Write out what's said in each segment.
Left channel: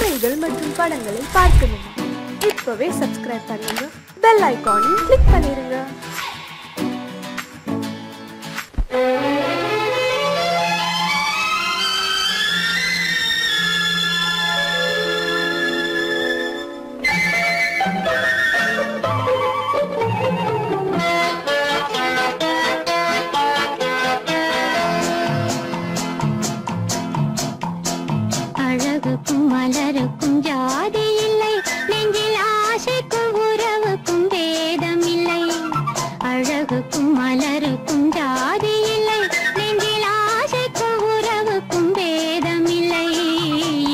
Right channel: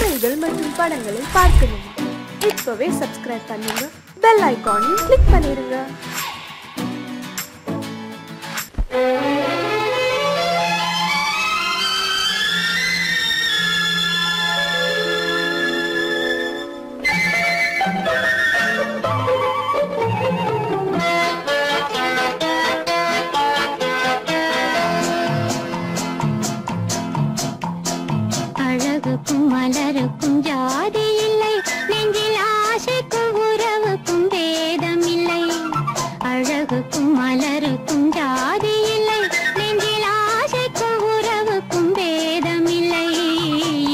கதைகள் மற்றும் படங்களை பார்க்கணுமா? இப்பவே சப்ஸ்கிரைப் பண்ணுங்க, பெல் ஐகானையும் கிளிக் பண்ணிருங்க. அழகுக்கும் மலருக்கும் ஜாதி இல்லை, நெஞ்சில் ஆசைக்கும் உறவுக்கும் வேதம் இல்லை. அழகுக்கும் மலருக்கும் ஜாதி இல்லை, நெஞ்சில் ஆசைக்கும் உறவுக்கும் வேதம் இல்லை.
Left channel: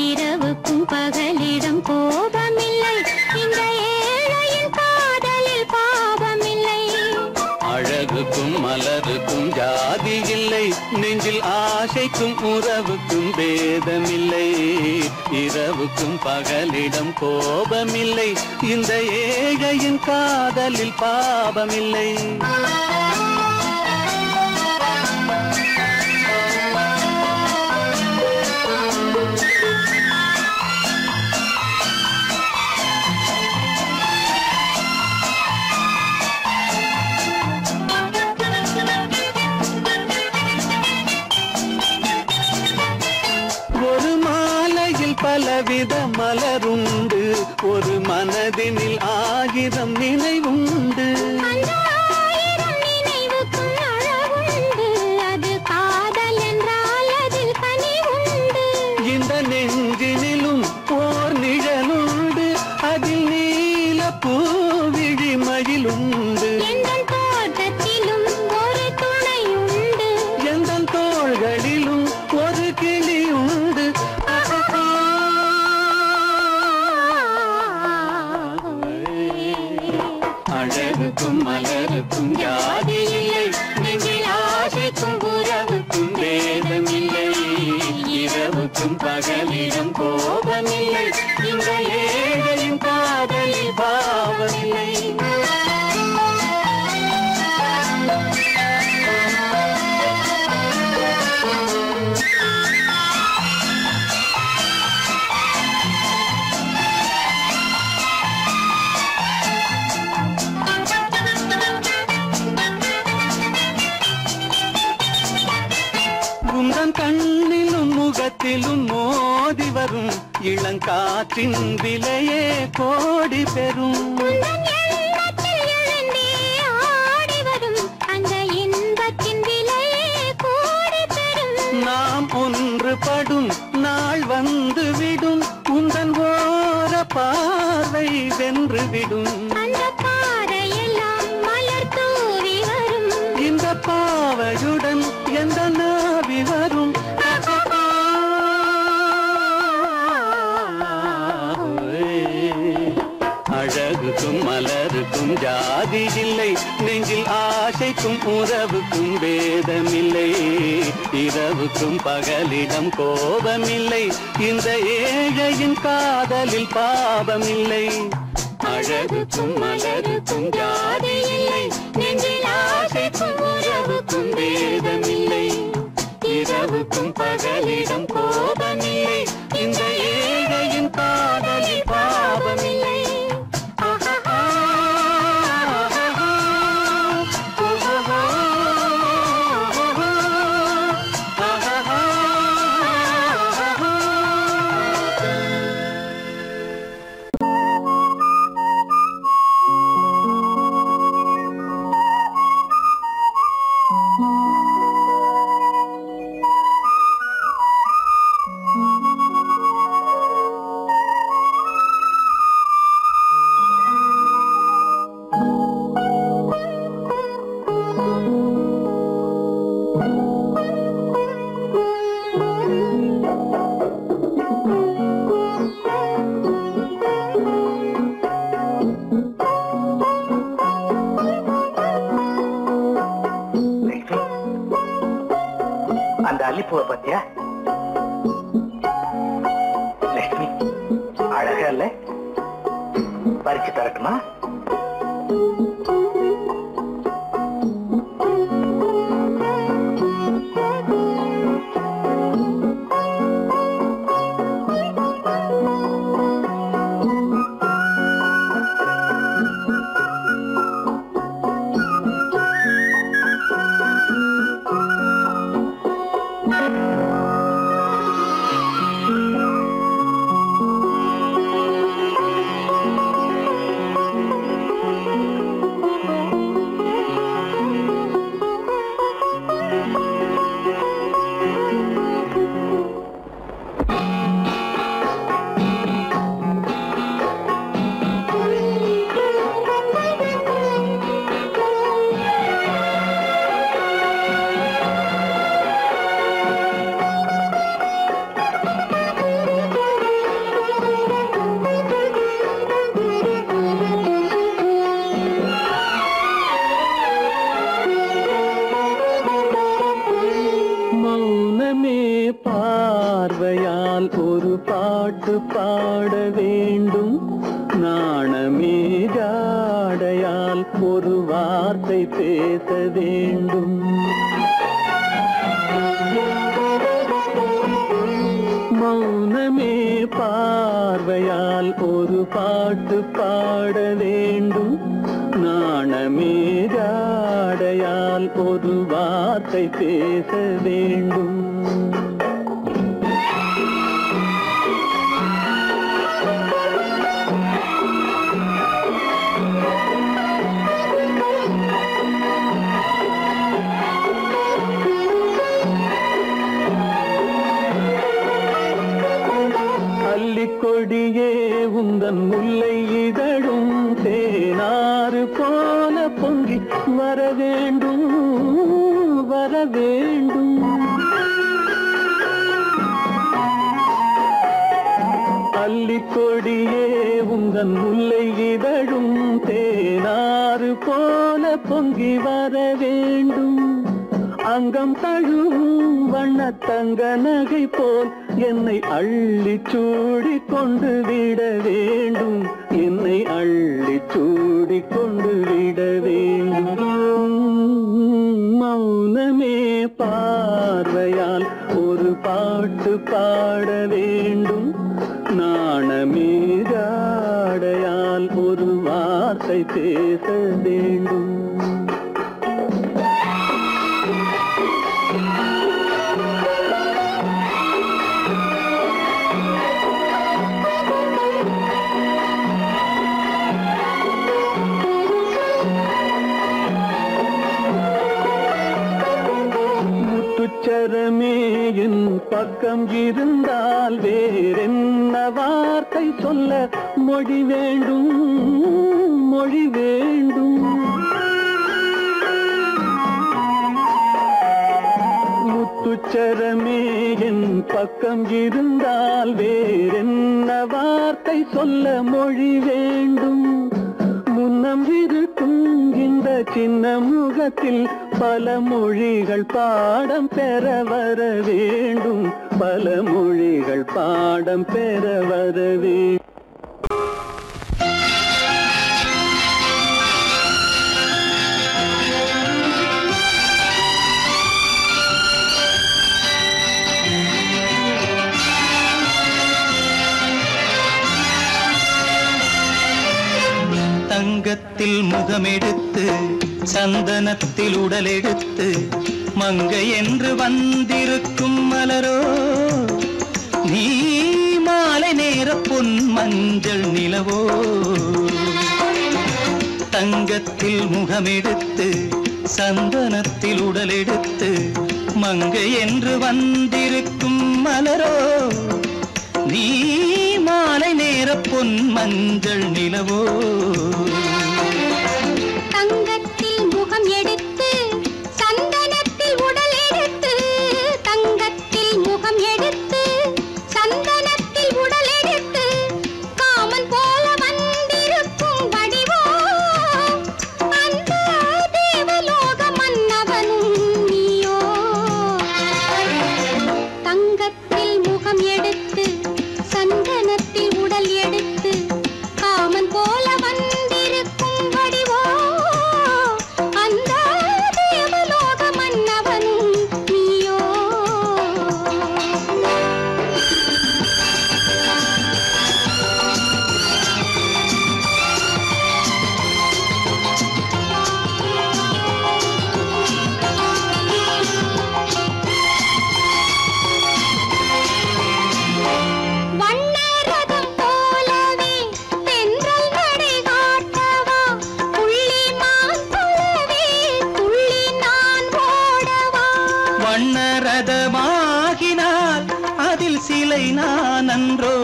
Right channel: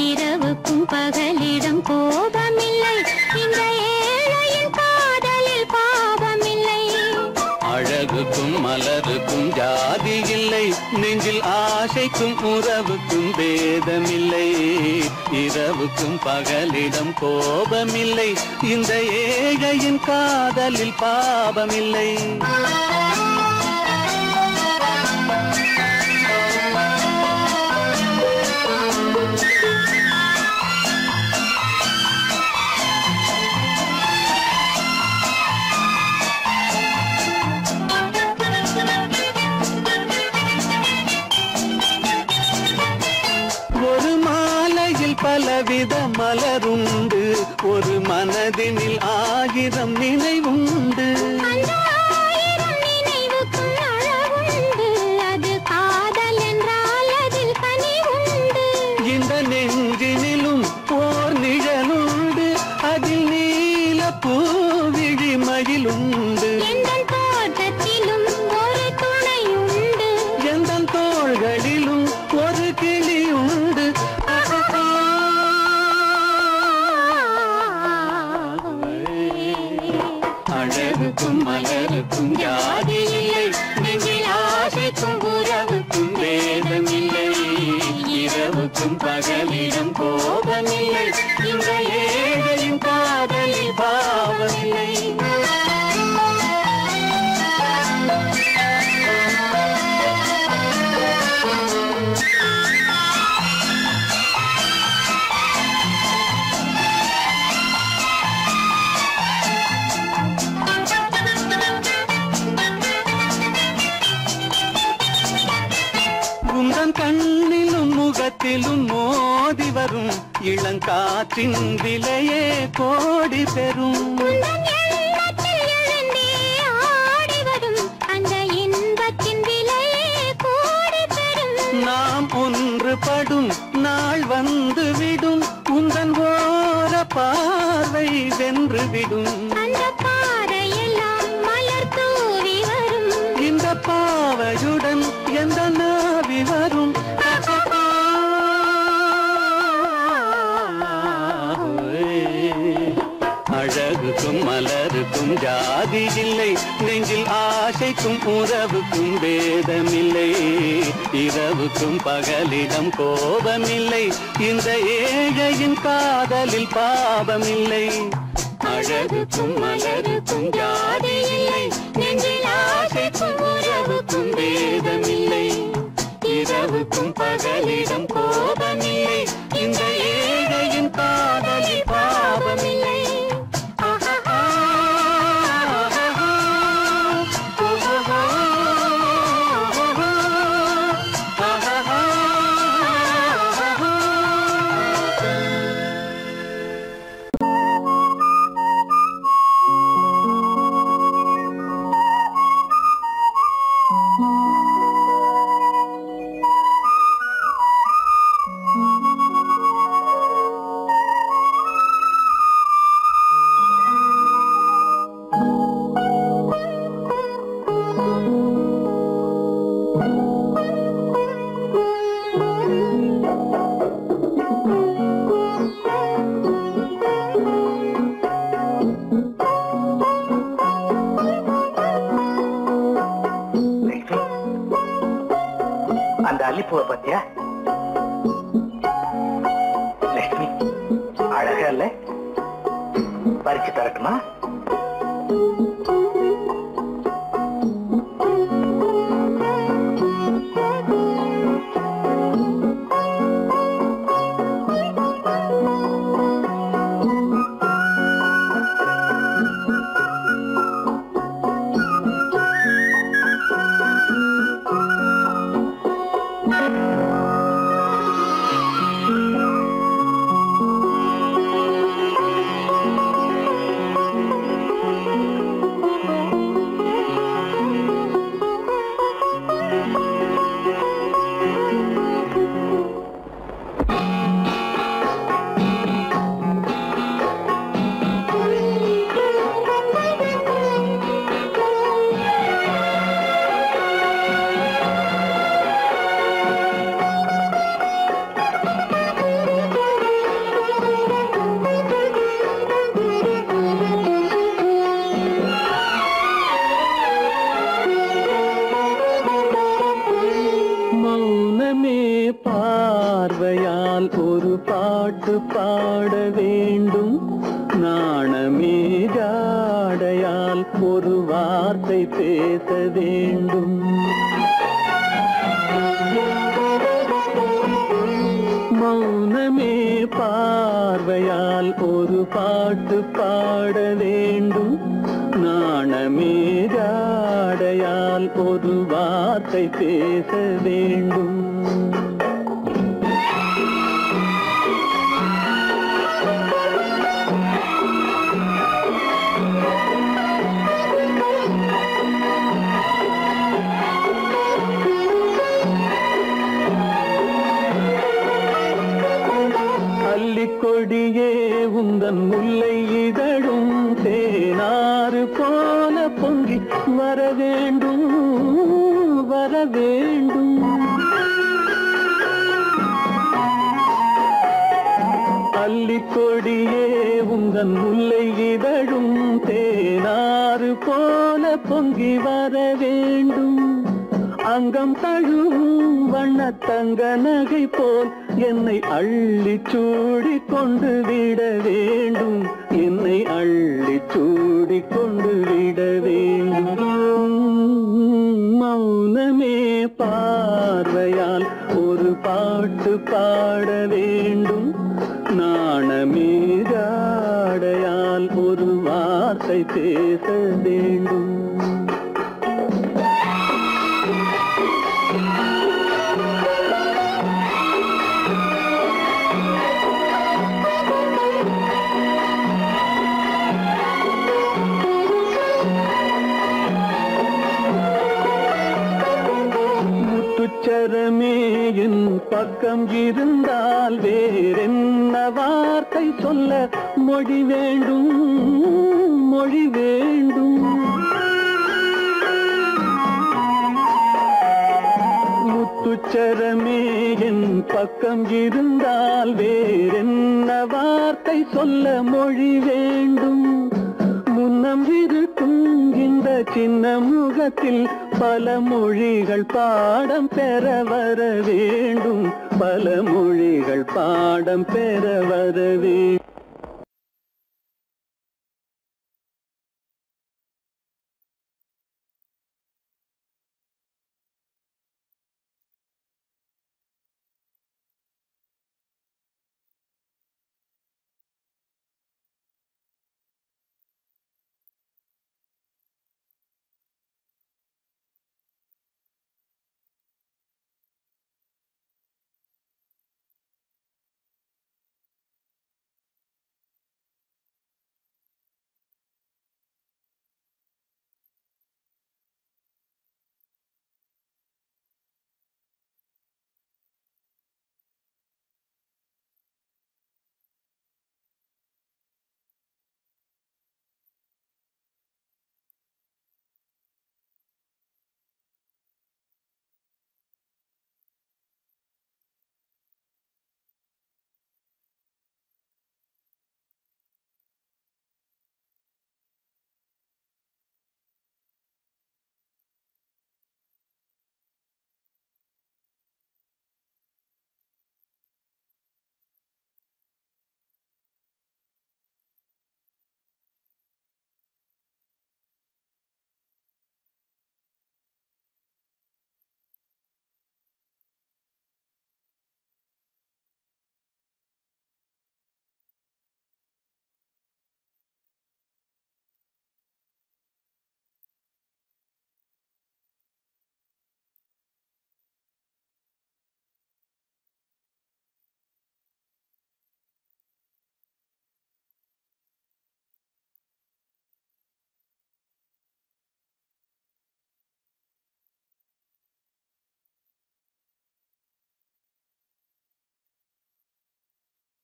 இரவுக்கும் பகலிடம் கோபம் இல்லை, இந்த ஏழையின் காதலில் பாவம் இல்லை. அழகுக்கும் மலருக்கும் ஜாதி இல்லை, நெஞ்சில் ஆசைக்கும் உறவுக்கும் பேதமில்லை. இரவுக்கும் பகலிடம் கோபமில்லை, இந்த ஏழையின் காதலில் பாவமில்லை. பலவித மலருண்டு, ஒரு மனதினில் 1000 நினைவுண்டு. அது காதல் என்றால் அதில் கனிவுண்டு. இந்த நெஞ்சினிலும் ஓர் நிழலுண்டு, அதில் நீல பூவிழி மயிலுண்டு. எந்தன் தோட்டத்திலும் ஒரு துணையுண்டு, எந்தன் தோள்களிலும் ஒரு கிளியுண்டு. அழகுக்கும் மலருக்கும் ஜாதி இல்லை, நெஞ்சில் ஆசைக்கும் உறவுக்கும் வேதமில்லை. இரவுக்கும் பகலிடம் கோபமில்லை, இந்த ஏழையின் காதலில் பாவமில்லை. உந்தன் கண்ணிலும் முகத்திலும் மோதி வரும் இளங்காற்றின் விலையே கோடி பெறும். நாம் ஒன்றுபடும் நாள் வந்துவிடும், உந்தன் ஓர பார்வை வென்றுவிடும். இந்த பாவையுடன் எந்த நாவி வரும். அழகுக்கும் மலருக்கும் ஜாதி இல்லை, நெஞ்சில் ஆசைக்கும் உறவுக்கும் வேதமில்லை. இரவுக்கும் பகலிடம் கோபமில்லை, இந்த ஏழையின் காதலில் பாவமில்லை. அழகுக்கும் மலருக்கும் ஜாதி இல்லை, நெஞ்சில் ஆசைக்கும் உறவுக்கும் வேதமில்லை. இரவுக்கும் பகலிடம் கோபமில்லை, இந்த ஏழையின் காதலில் பாவமில்லை. அந்த அல்லிப்பூவை பத்தியா லட்சுமி? அழகா இல்ல? பறிச்சு தரட்டுமா? பாட வேண்டும். நாணமே ஜாடையால் ஒரு வார்த்தை பேச வேண்டும். மௌனமே பார்வையால் ஒரு பாட்டு பாட வேண்டும். நாணமே ஜாடையால் ஒரு வார்த்தை பேச வேண்டும். கொடியே உந்தன் முல்லை இதழும் தேனாறு போல பொங்கி வர வேண்டும் வர வேண்டும். அல்லிக்கொடியே உந்தன் முல்லை இதழும் தேனாறு போல பொங்கி வர வேண்டும். அங்கம் தழுவும் வண்ணத்தங்க நகை போல் என்னை அள்ளி சூடி கொண்டு விட வேண்டும். என்னை அள்ளி சூடி கொண்டு விட வேண்டும். மௌனமே பார்வையால் ஒரு பாட்டு பாட வேண்டும். நாணமே ஜாடையால் ஒரு வார்த்தை பேச வேண்டும். முத்துச்சரமே என் பக்கம் இருந்தால் வேறென்ன வார்த்தை சொல்ல மொழி வேண்டும் மொழி வேண்டும். முத்துச்சரமே என் பக்கம் இருந்தால் வேறென்ன வார்த்தை சொல்ல மொழி வேண்டும். முன்னம் இருக்கும் இந்த சின்ன முகத்தில் பல மொழிகள் பாடம் பெற வர வேண்டும். பல மொழிகள் பாடம் பெற வர வேண்டும். தங்கத்தில் முகமெடுத்து சந்தனத்தில் உடலெடுத்து மங்கை என்று வந்திருக்கும் மலரோ நீ மாலை நேர பொன் மஞ்சள் நிலவோ. தங்கத்தில் முகமெடுத்து சந்தனத்தில் உடலெடுத்து மங்கை என்று வந்திருக்கும் மலரோ நீ மாலை நேர பொன் மஞ்சள் நிலவோ. தங்கத்தில் முகம் எடுத்து சந்தனத்தில் உடல் எடுத்து தங்கத்தில் முகம் எடுத்து சந்தனத்தில் உடல் எடுத்து காமன் போல வந்திருக்கும் வடிவோ அந்த தேவலோக மன்னவனும் நீயோ. தங்கத்தில் முகம் எடுத்து சந்தனத்தில் உடல் எடுத்து காமன் போல வந்திருக்கும் வடிவோ அந்த தேவலோக மன்னவனும் நீயோ. வண்ணரதம் போலவே தென்றல் நடை காட்டவா புள்ளிமான் போலவே துள்ளி நான் ஓடவா. வண்ணரதமாகினால் அதில் சிலை நான் அன்றோ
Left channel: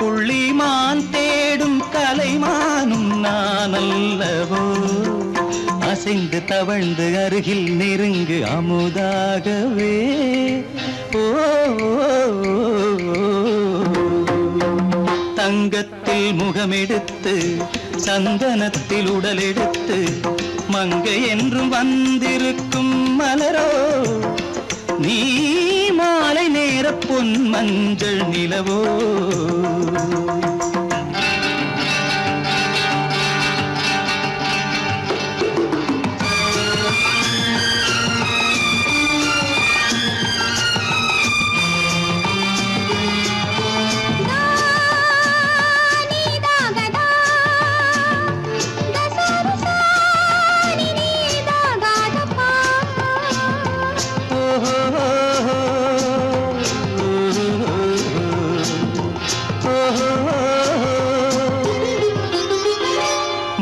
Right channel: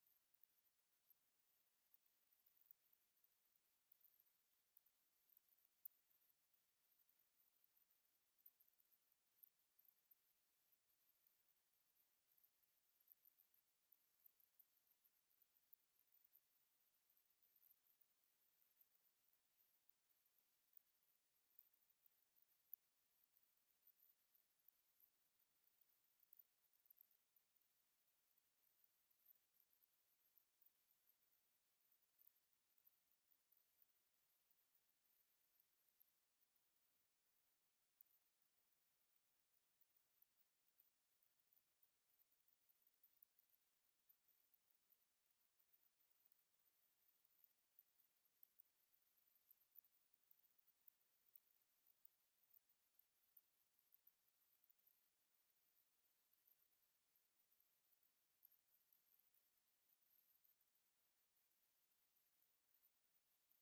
புள்ளிமான் தேடும் கலைமானும் நான் அல்லவோ. அசைந்து தவழ்ந்து அருகில் நெருங்கு அமுதாகவே ஓ. தங்கத்தில் முகமெடுத்து சந்தனத்தில் உடலெடுத்து மங்கை என்றும் வந்திருக்கும் மலரோ நீ மாலை நேர பொன் மஞ்சள் நிலவோ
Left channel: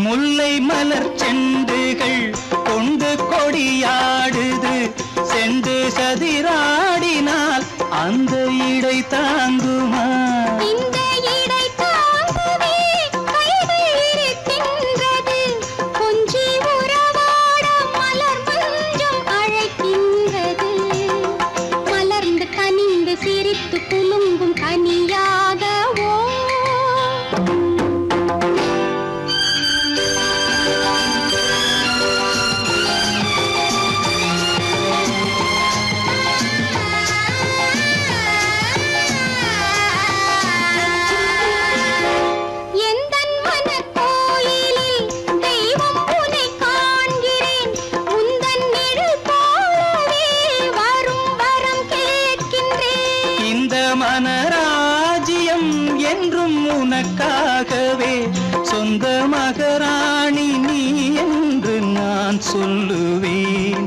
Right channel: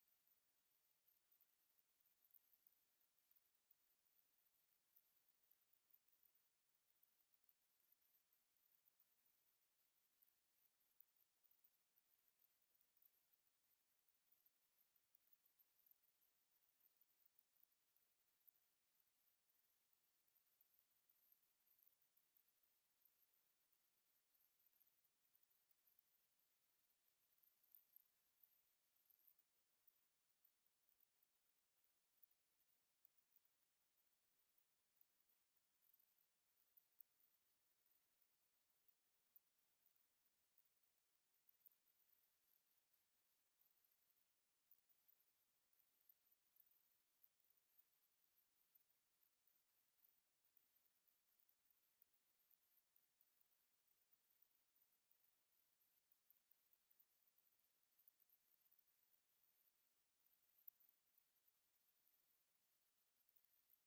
முல்லை மலர் செண்டுகள் கொண்டு கொடியாடுது செண்டு சதிராடினால் அந்த இடை தாங்குமா இந்த இடை தாங்குவே கைகள் இருக்கின்றது கொஞ்சி உறவாட மலர் மஞ்சம் அழைக்கின்றது மலர்ந்து கனிந்து சிரித்து குலுங்கும் கனியாகவோ மனராஜ்யம் என்றும் உனக்காகவே சொந்த மகராணி நீ என்று நான் சொல்லுவேன்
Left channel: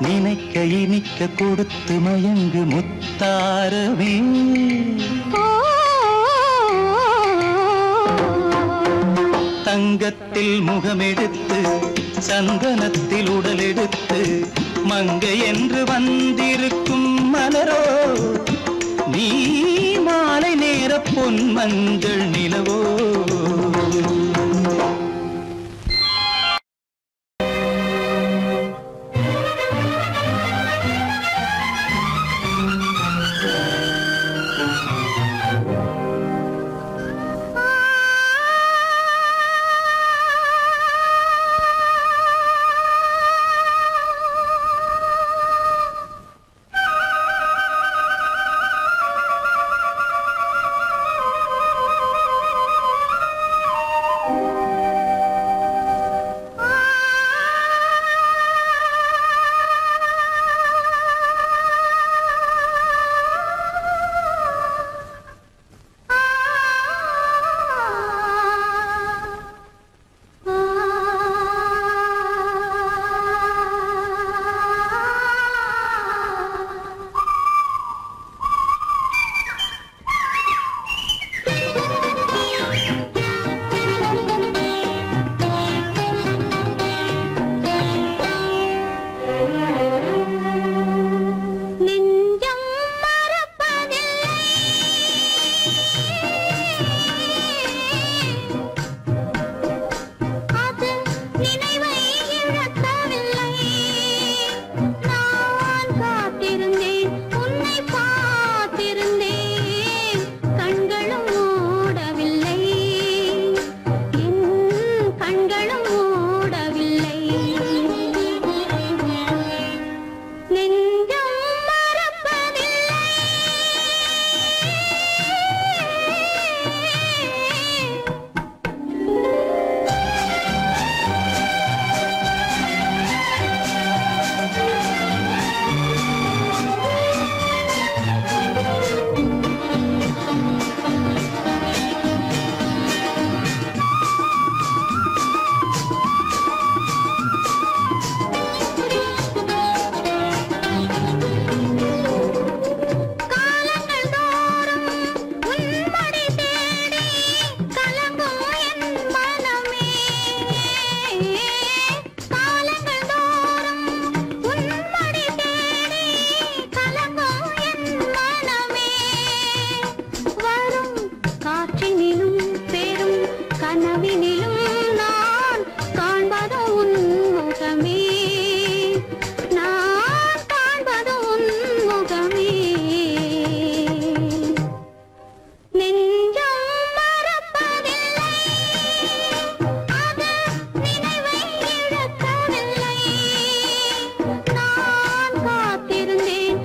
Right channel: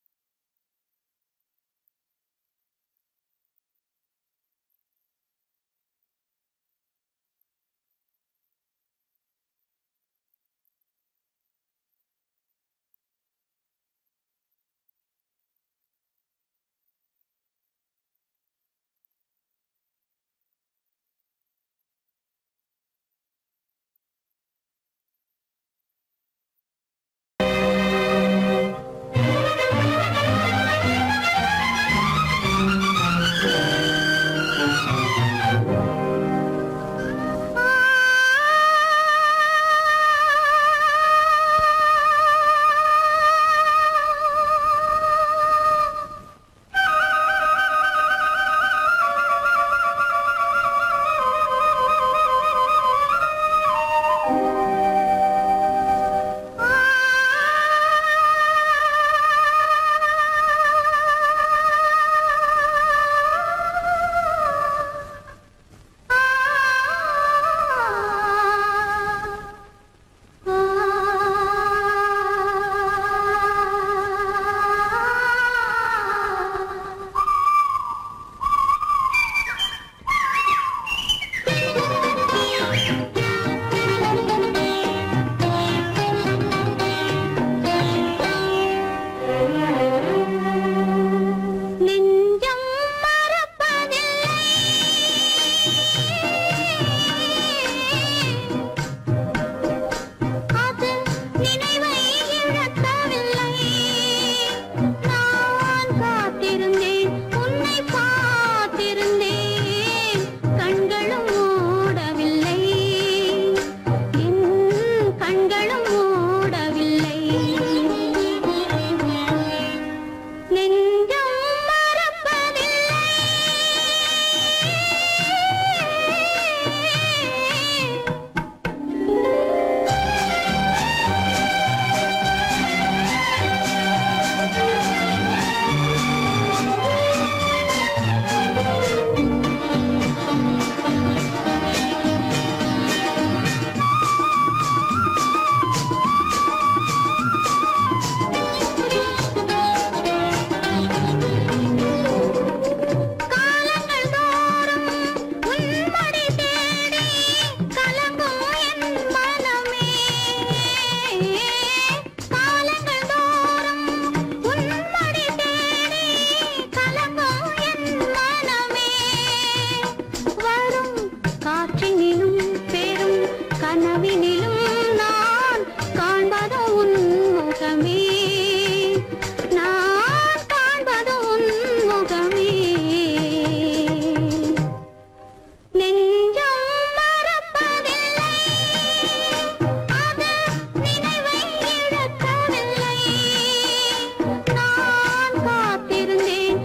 நினைக்க இனிக்க கொடுத்து மயங்கு முத்தாரவே தங்கத்தில் முகமெடுத்து சந்தனத்தில் உடலெடுத்து மங்கை என்று வந்திருக்கும் மலரோ நீ மாலை நேர பொன் மஞ்சள் நிலவோ நான் காத்திருந்தேன்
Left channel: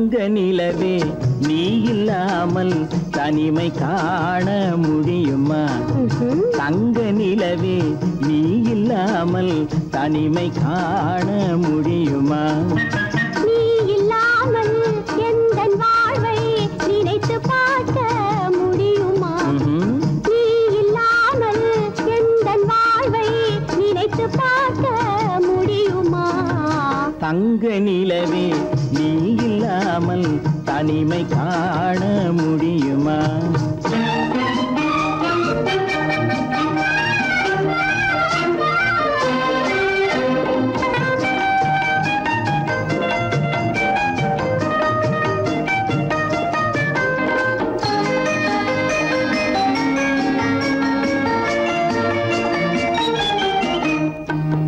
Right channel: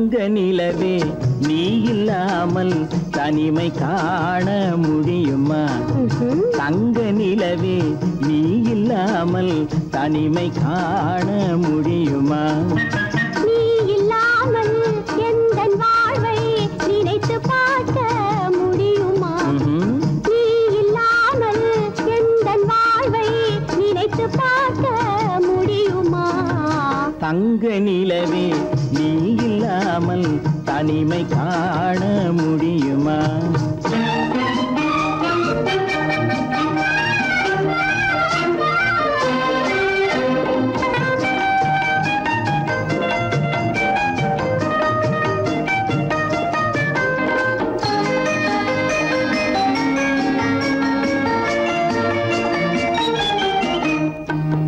தங்க நிலவே நீ இல்லாமல் தனிமை காண முடியுமா? தங்க நிலவே நீ இல்லாமல் தனிமை காண முடியுமா? நீ இல்லாமல் எந்தன் வாழ்வை நினைத்து பார்க்க முடியுமா? நீ இல்லாமல் எந்தன் வாழ்வை நினைத்து பார்க்க முடியுமா? தங்க நிலவே நீ இல்லாமல் தனிமை காண முடியுமா?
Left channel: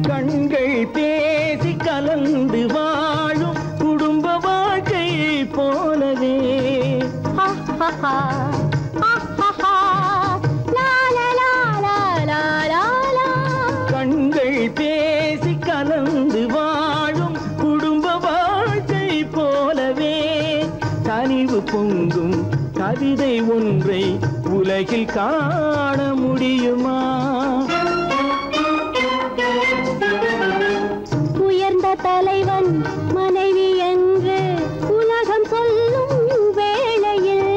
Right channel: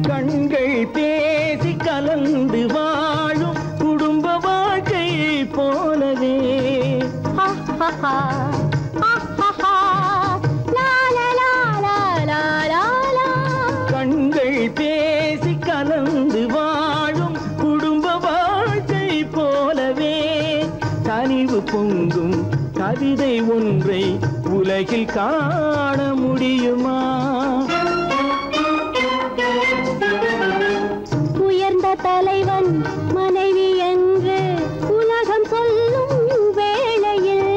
கண்கள் பேசி கலந்து வாழும் குடும்ப வாழ்க்கை போலவே கண்கள் பேசி கலந்து வாழும் குடும்ப வாழ்க்கை போலவே கனிவு பொங்கும் கவிதை ஒன்றை உலகில் காண முடியுமா? உயர்ந்த தலைவன் மனைவி என்று உலகம் சொல்லும் வேளையில்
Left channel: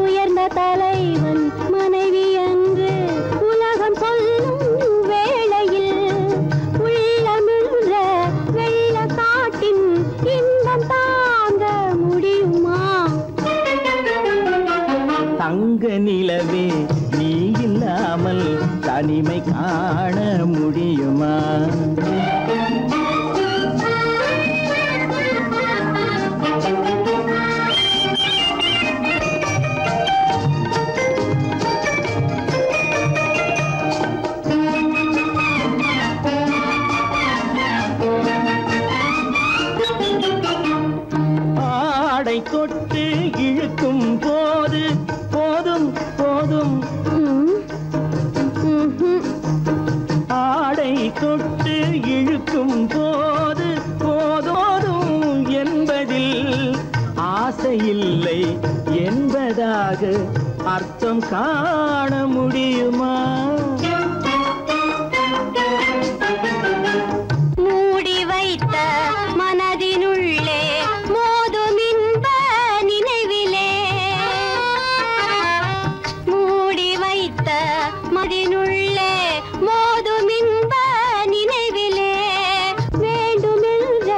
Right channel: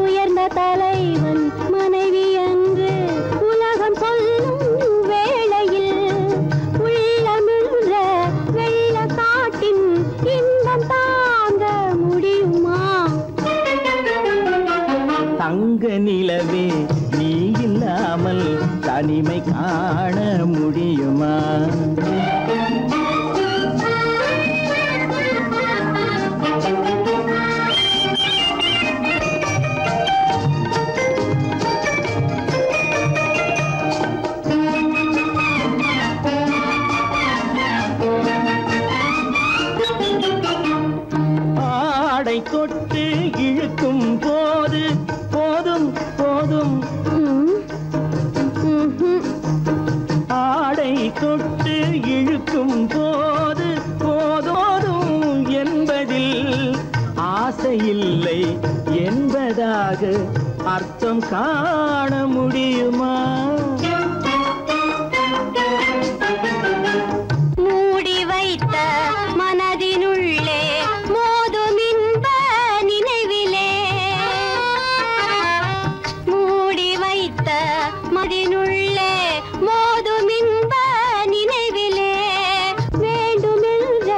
உயர்ந்த தலைவன் மனைவி என்று உலகம் சொல்லும் வேளையில் உள்ளமிழ்ற வெள்ள காட்டின் இன்பம் தாங்க முடியுமா? தங்க நிலவே நீ இல்லாமல் தனிமை காண முடியுமா? ஆடை தொட்டு இழுக்கும் போது போதும் போதும் ஆடை தொட்டு இழுக்கும் போது போதோதும் என்பதில் ஆசையில்லை என்பதாக அர்த்தம் காண முடியுமா? மூடி வைத்த மனதினுள்ளே மோதும் இன்ப நினைவிலே மூடி வைத்த மனதினுள்ளே மோதும் இன்ப நினைவிலே வேண்டுமென்ற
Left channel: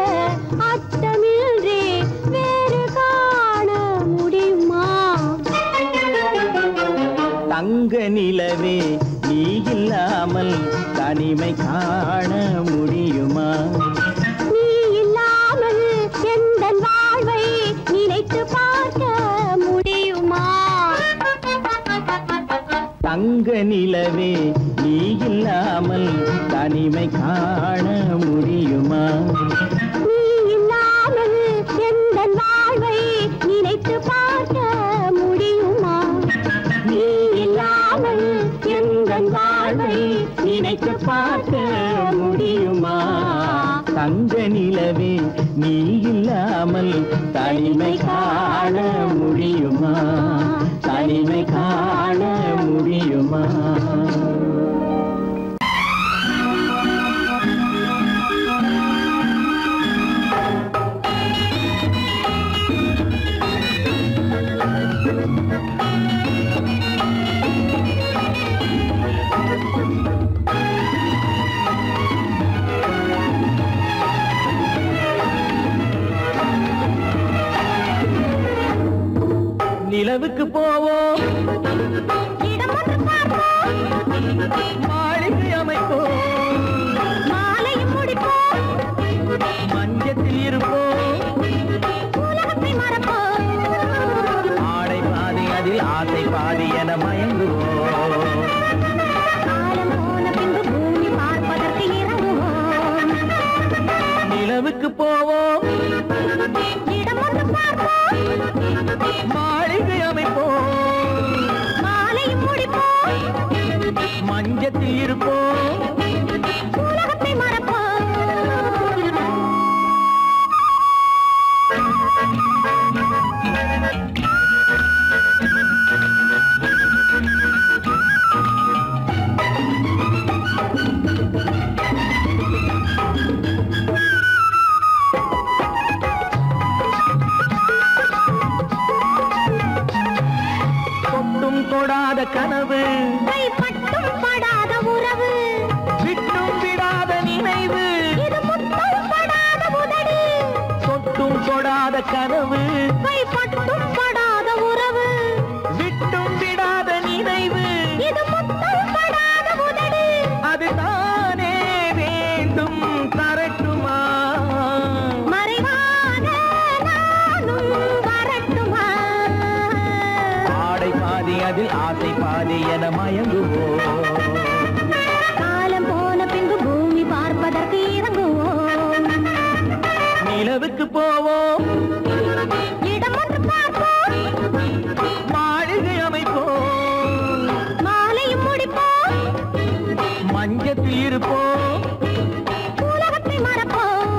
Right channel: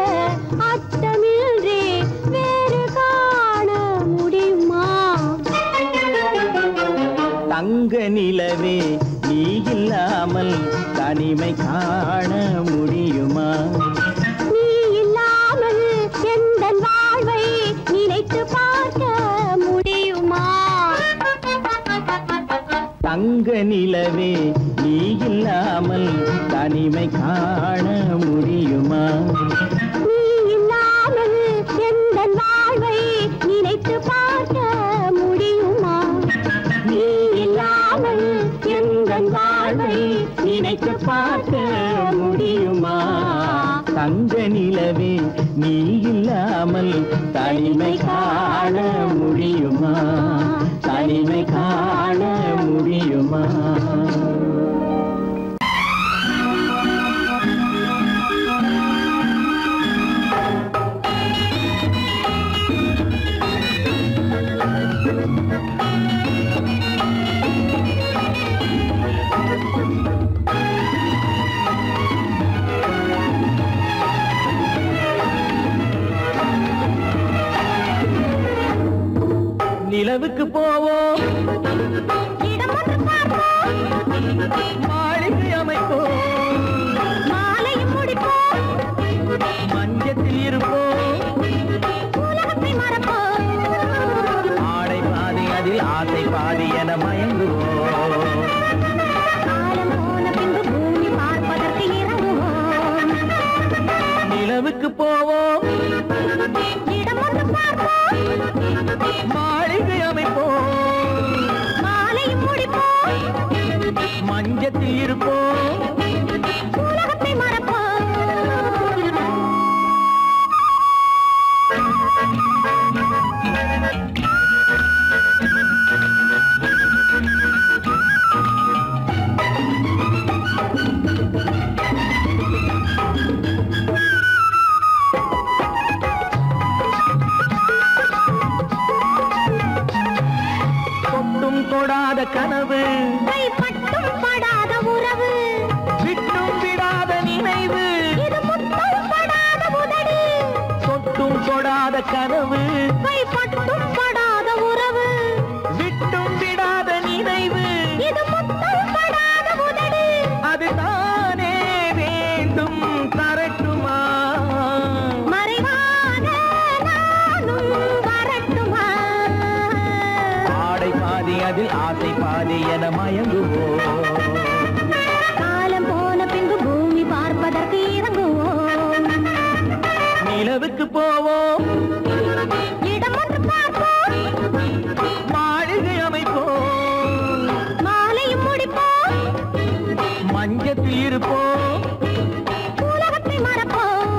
அர்த்தமின்றி வேறு காண முடியுமா? தங்க நிலவே நீ இல்லாமல் தனிமை காண முடியுமா? நீ இல்லாமல் எந்தன் வாழ்வை நினைத்து பார்க்க முடியுமா? தங்க நிலவே நீ இல்லாமல் தனிமை காண முடியுமா? நீ இல்லாமல் எந்தன் வாழ்வை நினைத்து பார்க்க முடியுமா? நீ இல்லாமல் எந்தன் வாழ்வை நினைத்து பார்க்க முடியுமா? தங்க நிலவே நீ இல்லாமல் தனிமை காண முடியுமா? தனிமை காண முடியுமா? நிலவுக்கு போவோம், இடம் ஒன்று பார்ப்போம், மாளிகை அமைப்போம், மாலையும் முடிப்போம், மஞ்சத்தில் இருப்போம், உலகத்தை மறப்போம். ஆடை பாதி அதில் ஆசை பாதி என மயங்குவோம். காலம் போன பின்பு பூமி பார்ப்பதற்கு இறங்குவோம். நிலவுக்கு போவோம், இடம் ஒன்று பார்ப்போம், மாளிகை அமைப்போம், மாலையும் முடிப்போம், மஞ்சத்தில் இருப்போம், உலகத்தை மறப்போம். விடாத கனவு, கைப்பட்டும் படாத உறவு, விட்டும் விடாத நினைவு, இது முத்தம் படாத உதடு, அதுதானே வேண்டும் தரட்டுமா? மறைவான நானும் வரட்டுமா? ஆடை பாதி அதில் ஆசை பாதி என மயங்குவோம். காலம் போன பின்பு பூமி பார்ப்பதற்கு இறங்குவோம். நிலவுக்கு போவோம், இடம் ஒன்று பார்ப்போம், மாளிகை அமைப்போம், மாலையும் முடிப்போம், மஞ்சத்தில் இருப்போம். உலகத்தை மறப்போம்.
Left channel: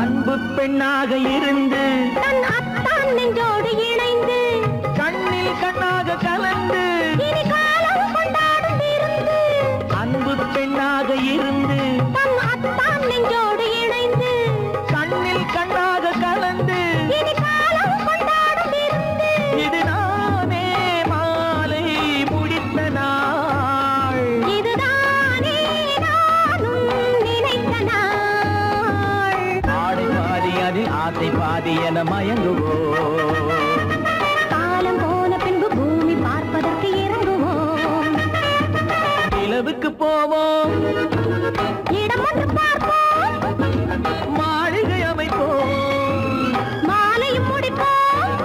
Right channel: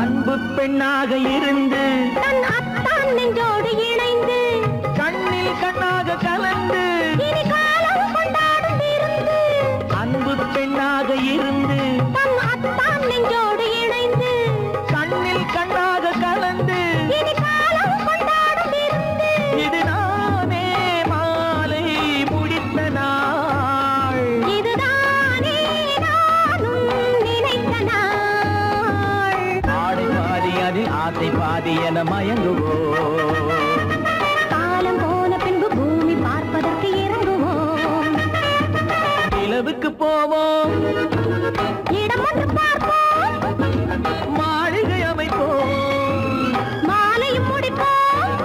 அன்பு பெண்ணாக இருந்து தன் அத்தான் நெஞ்சோடு இணைந்து கண்ணில் கண்ணாக கலந்து, இனி காலம் கொண்டாடும் விருந்து. அன்பு பெண்ணாக இருந்து தன் அத்தான் நெஞ்சோடு இணைந்து கண்ணில் கண்ணாக கலந்து, இனி காலம் கொண்டாடும் விருந்து. இது நானே மாலை முடித்த நாள். இதுதானே நானும் நினைத்த நாள். ஆடை பாதி அதில் ஆசை பாதி என மயங்குவோம். காலம் போன பின்பு பூமி பார்ப்பதற்கு இறங்குவோம். நிலவுக்கு போவோம், இடம் ஒன்று பார்ப்போம், மாளிகை அமைப்போம், மாலையும் முடிப்போம்,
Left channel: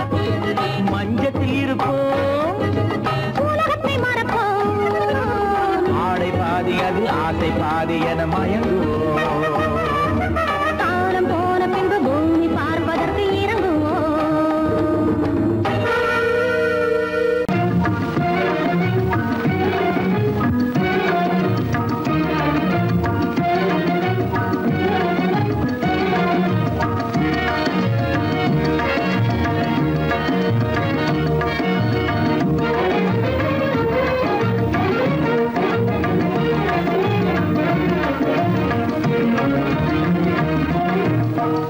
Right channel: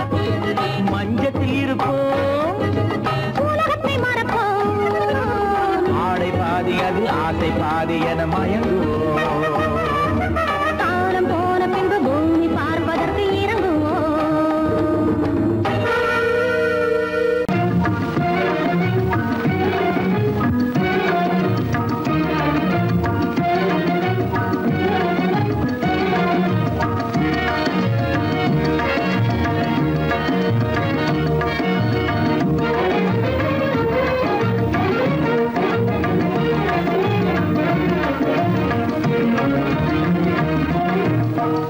மஞ்சத்தில் இருப்போம். உலகத்தை மறப்போம். ஆடை பாதி அதில் ஆசை பாதி என மயங்குவோம். காலம் போன பின்பு பூமி பார்ப்பதற்கு இறங்குவோம்.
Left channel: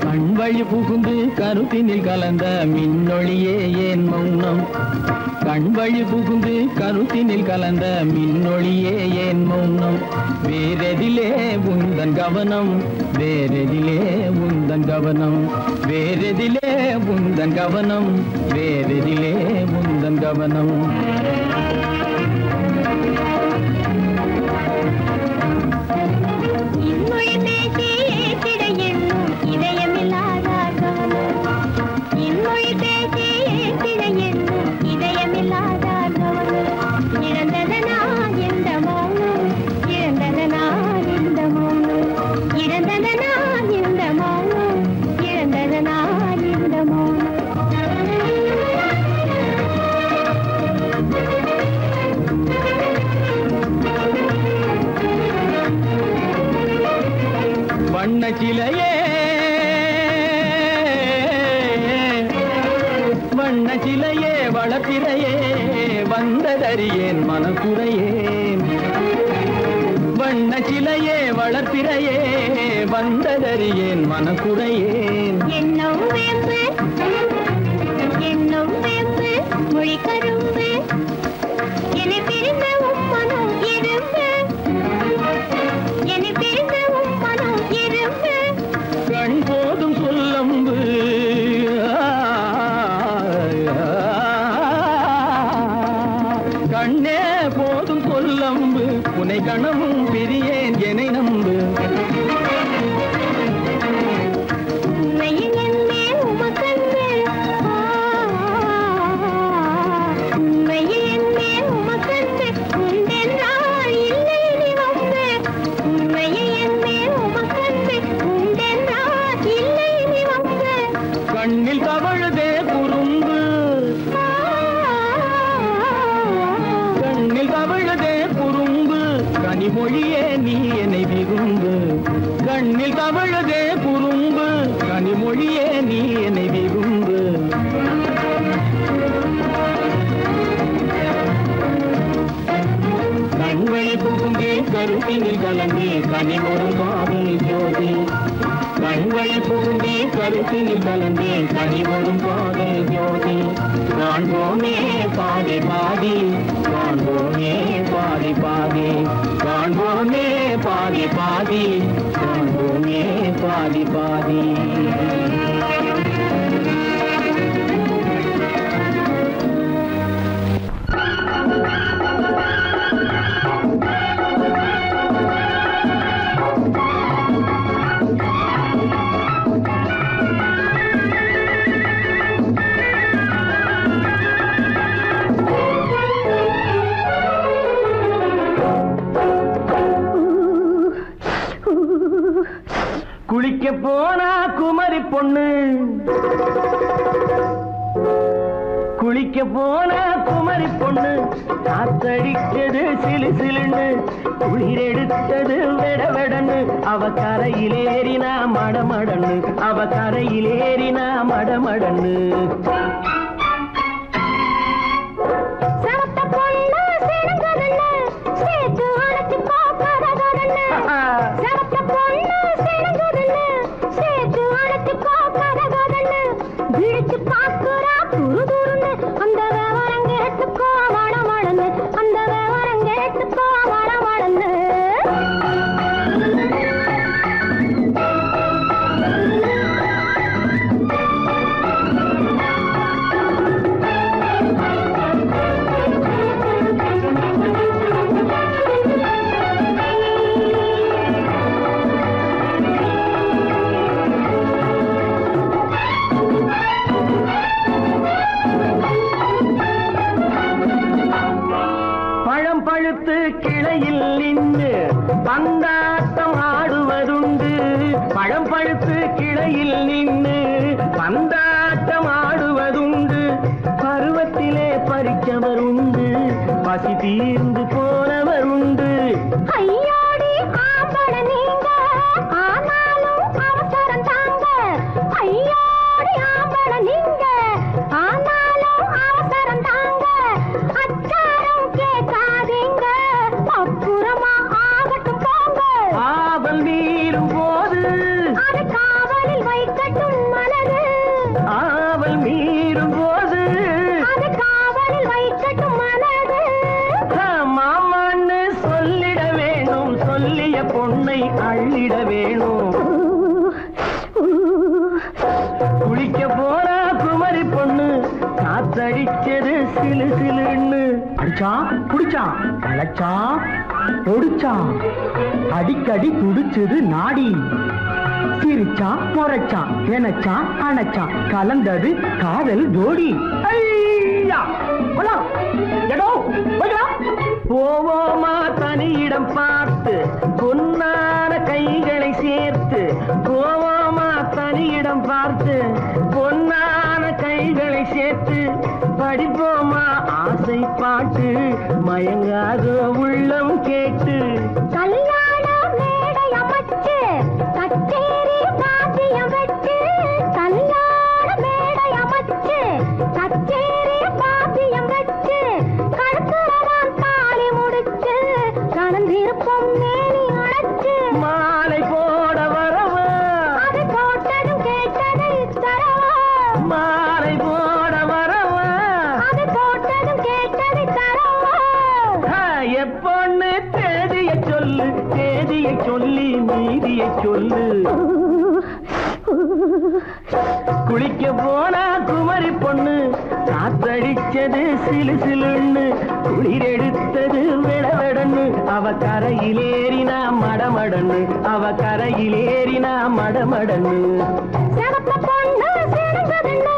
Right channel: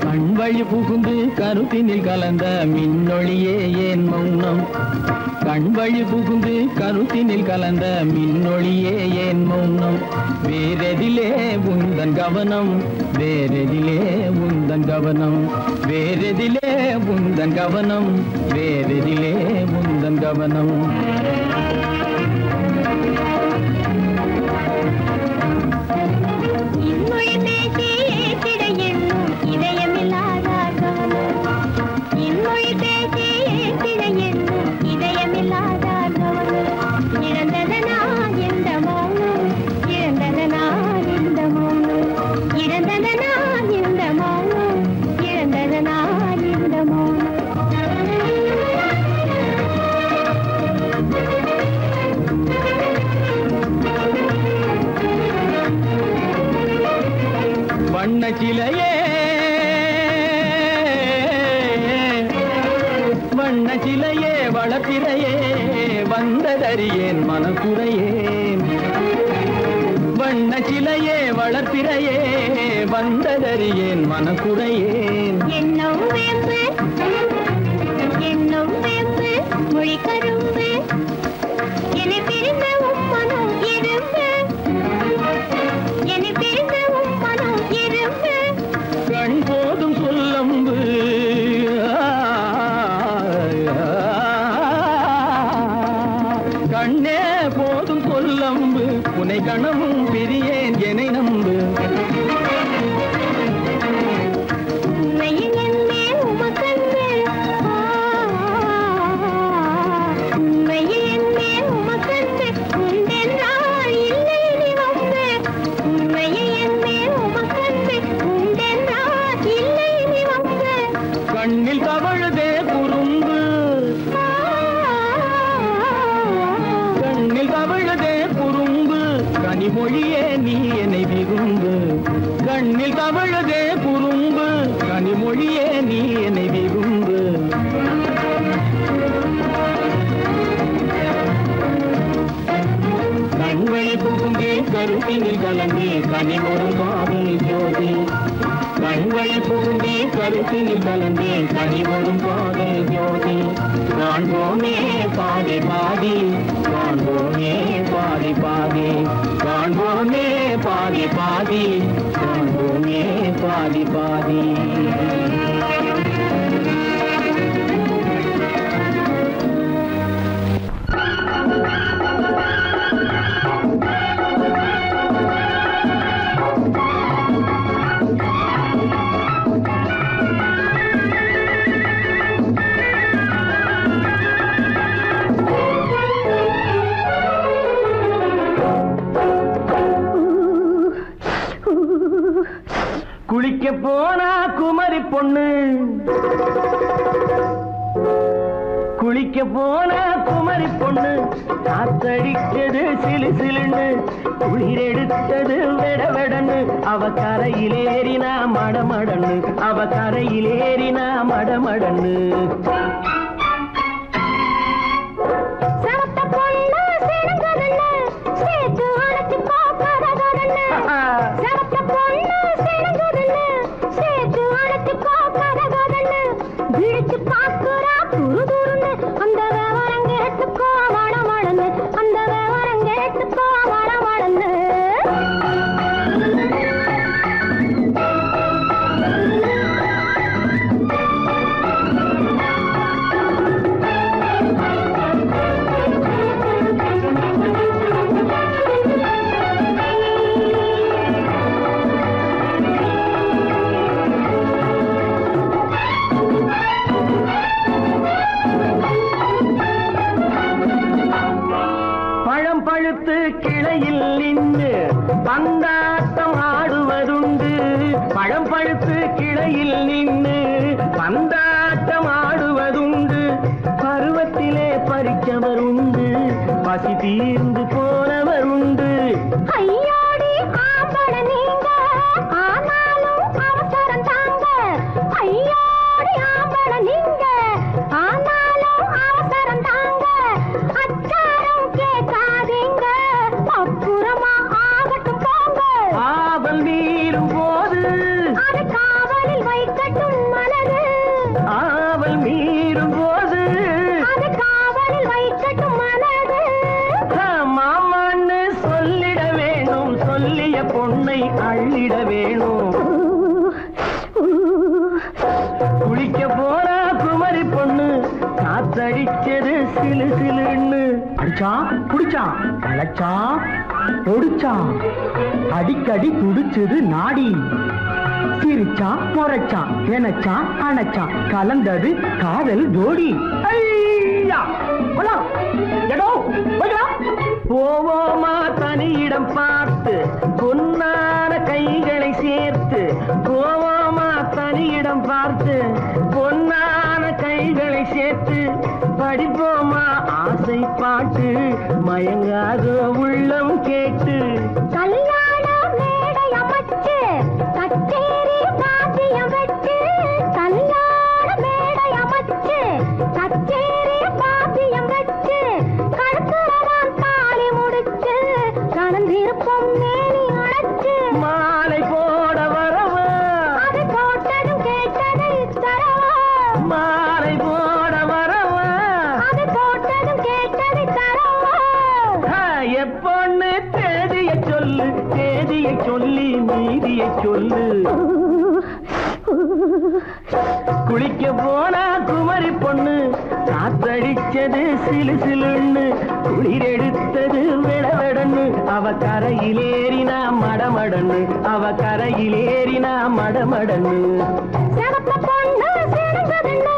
கண்வழி புகுந்து கருத்தினில் கலந்த மின்னொளியே ஏன் மௌனம்? கண்வழி புகுந்து கருத்தினில் கலந்த மின்னொளியே ஏன் மௌனம்? வேறெதிலே உந்தன் கவனம், வேறெதிலே உந்தன் கவனம், வேறெதிலே உந்தன் கவனம், வேறெதிலே உந்தன் கவனம். இன்மொழி பேசி ஏற்றிட எண்ணும் இதயமில்லாத கவனம். இன்மொழி பேசி ஏற்றிட எண்ணும் இதயமில்லாத கவனம். இழந்ததனா இந்த மௌனம், இழந்ததனா இந்த மௌனம், இழந்ததனா இந்த மௌனம், இழந்ததனா இந்த மௌனம். வண்ண சிலையே, வண்ண சிலையே, வளர்த்திரையே, வந்ததறியேன் மனக்குறையேன். வண்ண சிலையே, வளர்த்திரையே, வந்ததறியேன் மனக்குறையேன். எண்ணம் வேம்பு, எண்ணம் வேம்பு, மொழி கரும்பு, என்னை பிரிந்த உம்மனம் இரும்பு, என்னை பிரிந்த உம்மனம் இரும்பு. கண் போதும் சொல்லம்பு, கண்ணே போதும் சொல்லம்பு, உனை கணமும் பிரியேன் என்னை நம்பு. உண்மையில் என்னே உமக்கன்று, உண்மையில் என்னே உமக்கன்று, உண்டென்றால் இல்லை நீ வந்து. உண்மையில் என்னே உமக்கன்று, உண்டென்றால் இல்லை நீ வந்து. கண்ணில் தவழுதே குறும்பு, கண்ணில் தவழுதே குறும்பு, கனிமொழியே நீ என்னை விரும்பு. கண்ணில் தவழுதே குறும்பு, கனிமொழியே நீ என்னை விரும்பு. கருத்தினில் கலந்து கனிமொரும் காதல் ஜோதி கண்கள் பூண்டி கருத்தினில் கலந்து கனிமொரும் காதல் ஜோதி காண்போமே பாதி பாதி காண்போமே பாதி பாதி காண்போமே பாதி பாதி காண்போமே பாதி பாதி குளிக்க போனா குமரி பொண்ணு குளிக்க போனா குமரி பொண்ணு காத்தடிச்சது சிலு சிலுன்னு குளிர் எடுத்தது வெடவெடன்னு அவ கரையிலேறினா மடமடன்னு அவ கரையிலேறினா மடமடன்னு கிளையில் நின்று பந்தாட்டம் ஆடுவதுண்டு பழம் பழுத்து கிளையில் நின்று பந்தாட்டம் ஆடுவதுண்டு பருவத்திலே பறிச்சவருண்டு பசி தீர்ந்து போனவருண்டு ஐயோடி ஆம்பள நீங்க ஆனாலும் அவசரம் தாங்க ஐயோடி ஆம்பள நீங்க ஆனாலும் அவசரம் தாங்க அச்சாரம் கேட்காதீங்க அப்புறமா ஆகட்டும் போங்க ஆவல் மீறும் போது அது காவலில் வைக்கட்டும் மனது ஆவல் மீறும் போது அது காவலில் வைக்கட்டும் மனது மாமான்னு சொல்லிட வேணும் சொல்லிய பொண்ணை அள்ளிட வேணும் குளிக்க போனா குமரி பொண்ணு காத்தடிச்சது சிலு சிலுன்னு அடிச்சா குடிச்சா அழைச்சா பொடிச்சா அடிக்கடி துடிச்சது நாடி சிரிச்சா முறைச்சா எனச்சா அணைச்சா கலந்தது காதல் ஜோடி போவோமா தனியிடம் பார்த்து பொன்னான கைகளை சேர்த்து போவோமா தனியிடம் பார்த்து பொன்னான கைகளை சேர்த்து படிப்போமா ஆசை பாட்டு மயங்காத உள்ளம் கேட்டு கல்யாண மேடை அமைச்சு கச்சேரி வாத்தியம் வச்சு கல்யாண மேடை அமைச்சு கச்சேரி வாத்தியம் வச்சு கழுத்துறவான் தாலி முடிச்சு கலந்திருப்போம் மேனி அழைச்சு மாலை போட வரவா அது போட்டதும் கேட்டதை தரவா மாலை போட வரவா அது போட்டதும் கேட்டதை தரவா எப்பொண்ணு தேதிய சொல்லு தேதிய சொல்லி மீதிய சொல்லு குளிக்க போனா குமரி பொண்ணு காத்தடிச்சது சிலு சிலுன்னு குளிர் எடுத்தது வெடவெடன்னு அவ கரையிலேறினா மடமடன்னு அவ கரையிலேறினா மடமடன்னு சிவப்பு பொண்ணு சிறந்ததுன்னு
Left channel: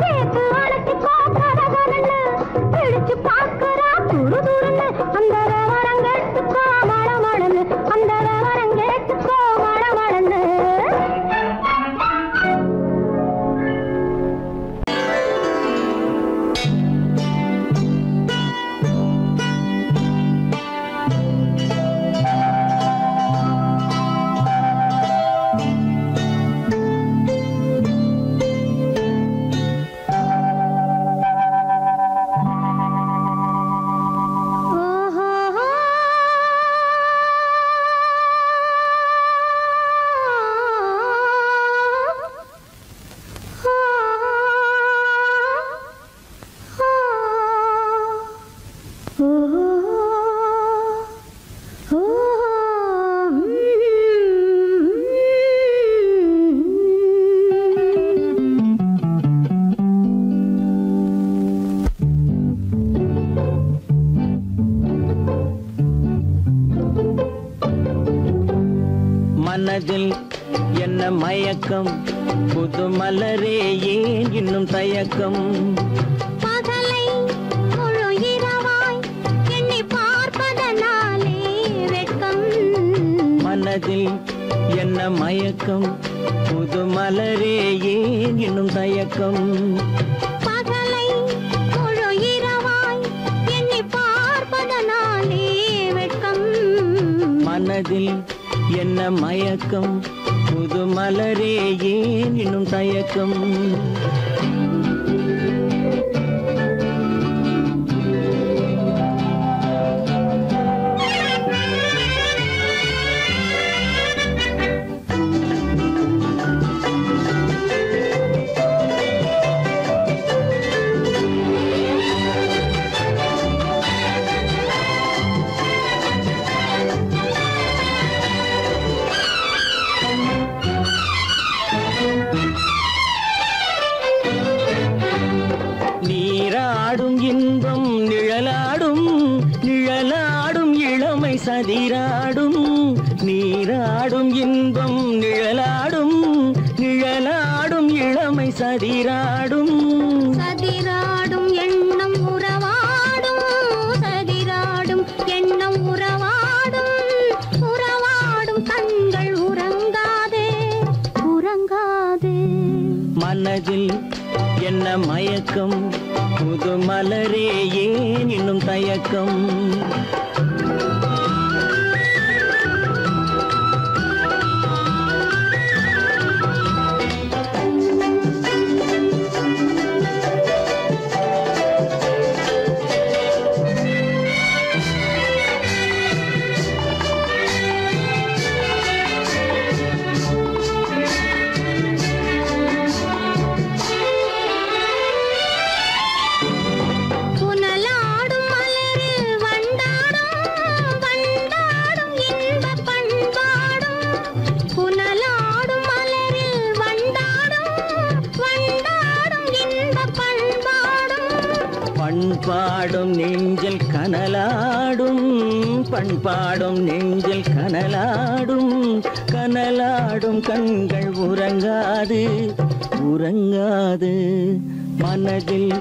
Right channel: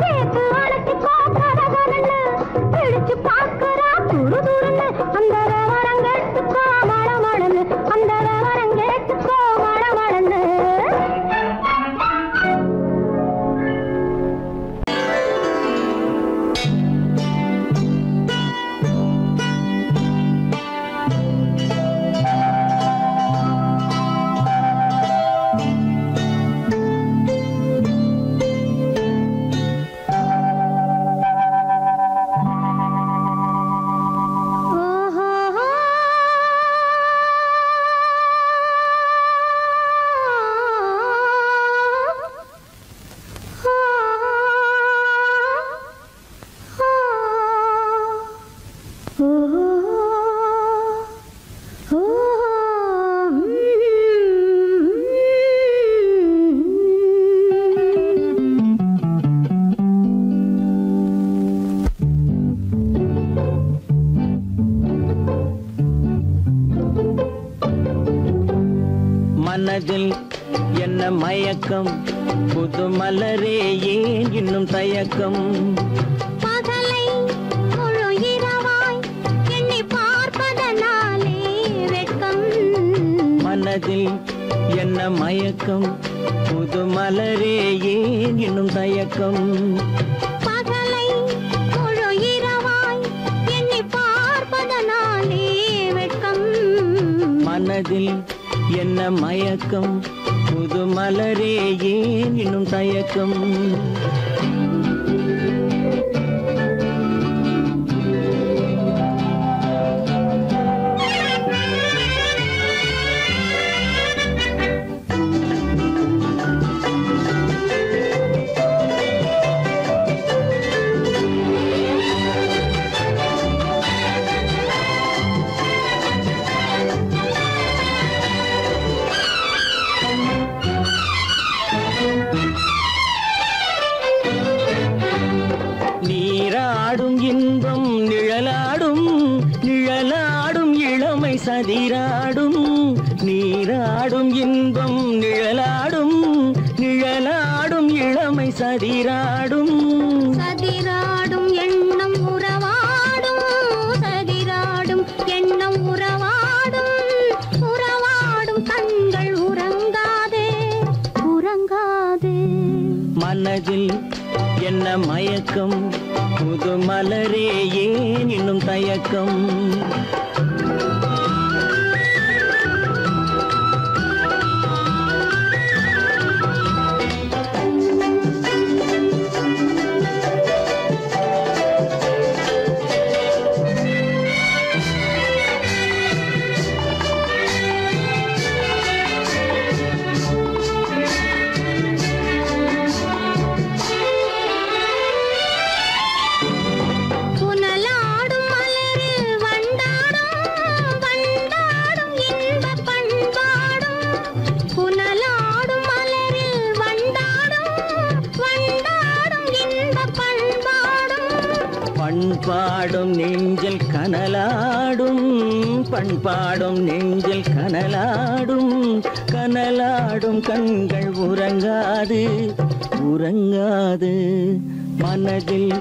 சேர்த்து அழைச்சு கோக்கரகன்னு பிடிச்சு பார்க்கறா துரு துருன்னு அந்த விவரங்கெட்டுக்கோ மடமடன்னு அந்த விவரங்கெட்டுக்கோ மடமடன்னு மயக்கம் புது மலரே ஏன் இன்னும் தயக்கம் பகலை முழு இரவாய் எண்ணி பார்ப்பதனாலே வெட்கம் மனதில் என்ன மயக்கம் புது மலரே ஏன் இன்னும் தயக்கம் பகலை முழு இரவாய் எண்ணி பார்ப்பதனாலே வெட்கம் மனதில் என்ன மயக்கம் புது மலரே ஏன் இன்னும் தயக்கம் நீராடும் இன்பம் நிழலாடும் நிழலாடும் இளமை சதிராடும் நீராடும் இன்பம் நிழலாடும் நிழலாடும் இளமை சதிராடும் சதிராடும் எண்ணம் உறவாடும் சதிராடும் எண்ணம் உறவாடும் உறவாடும் கண்கள் உறங்காதே உறங்காதே மனதில் என்ன மயக்கம் புது மலரே ஏன் இன்னும் தயக்கம் புனலாடும் மலரில் வண்டாடும் வண்டாடும் இன்பப் பண்பாடும் புனலாடும் மலரில் வண்டாடும் வண்டாடும் இன்பப் பண்பாடும் பண்பாடும் நெஞ்சில் கனலாடும் பண்பாடும் நெஞ்சில் கனலாடும் கனலாடும் கண்கள் உறங்காது உறங்காது மனதில்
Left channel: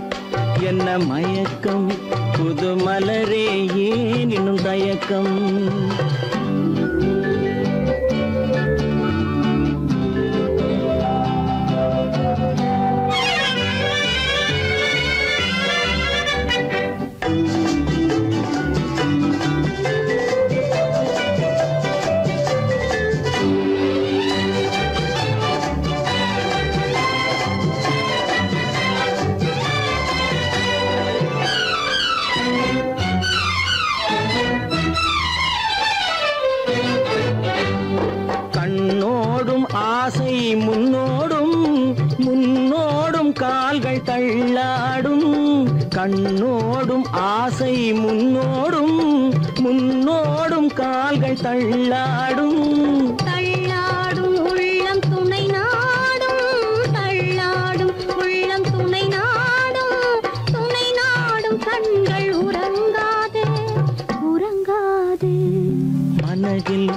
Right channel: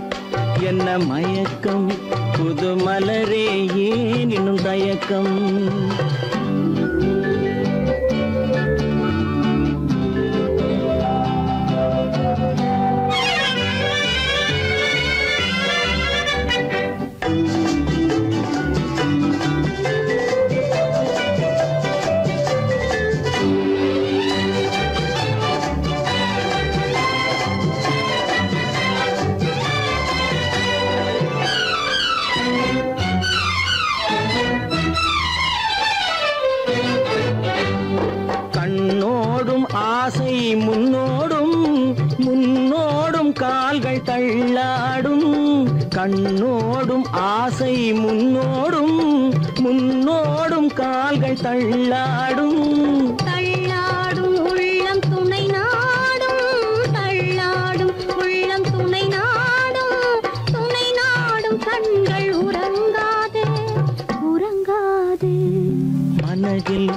என்ன மயக்கம் புது மலரே ஏன் இன்னும் தயக்கம் கண்ணோடும் ஆசை முன்னோடும் முன்னோடும் கால்கள் தள்ளாடும் கண்ணோடும் ஆசை முன்னோடும் முன்னோடும் கால்கள் தள்ளாடும் தள்ளாடும் உள்ளம் துணை நாடும் தள்ளாடும் உள்ளம் துணை நாடும் கண்கள் உறங்காதே உறங்காதே மனதில்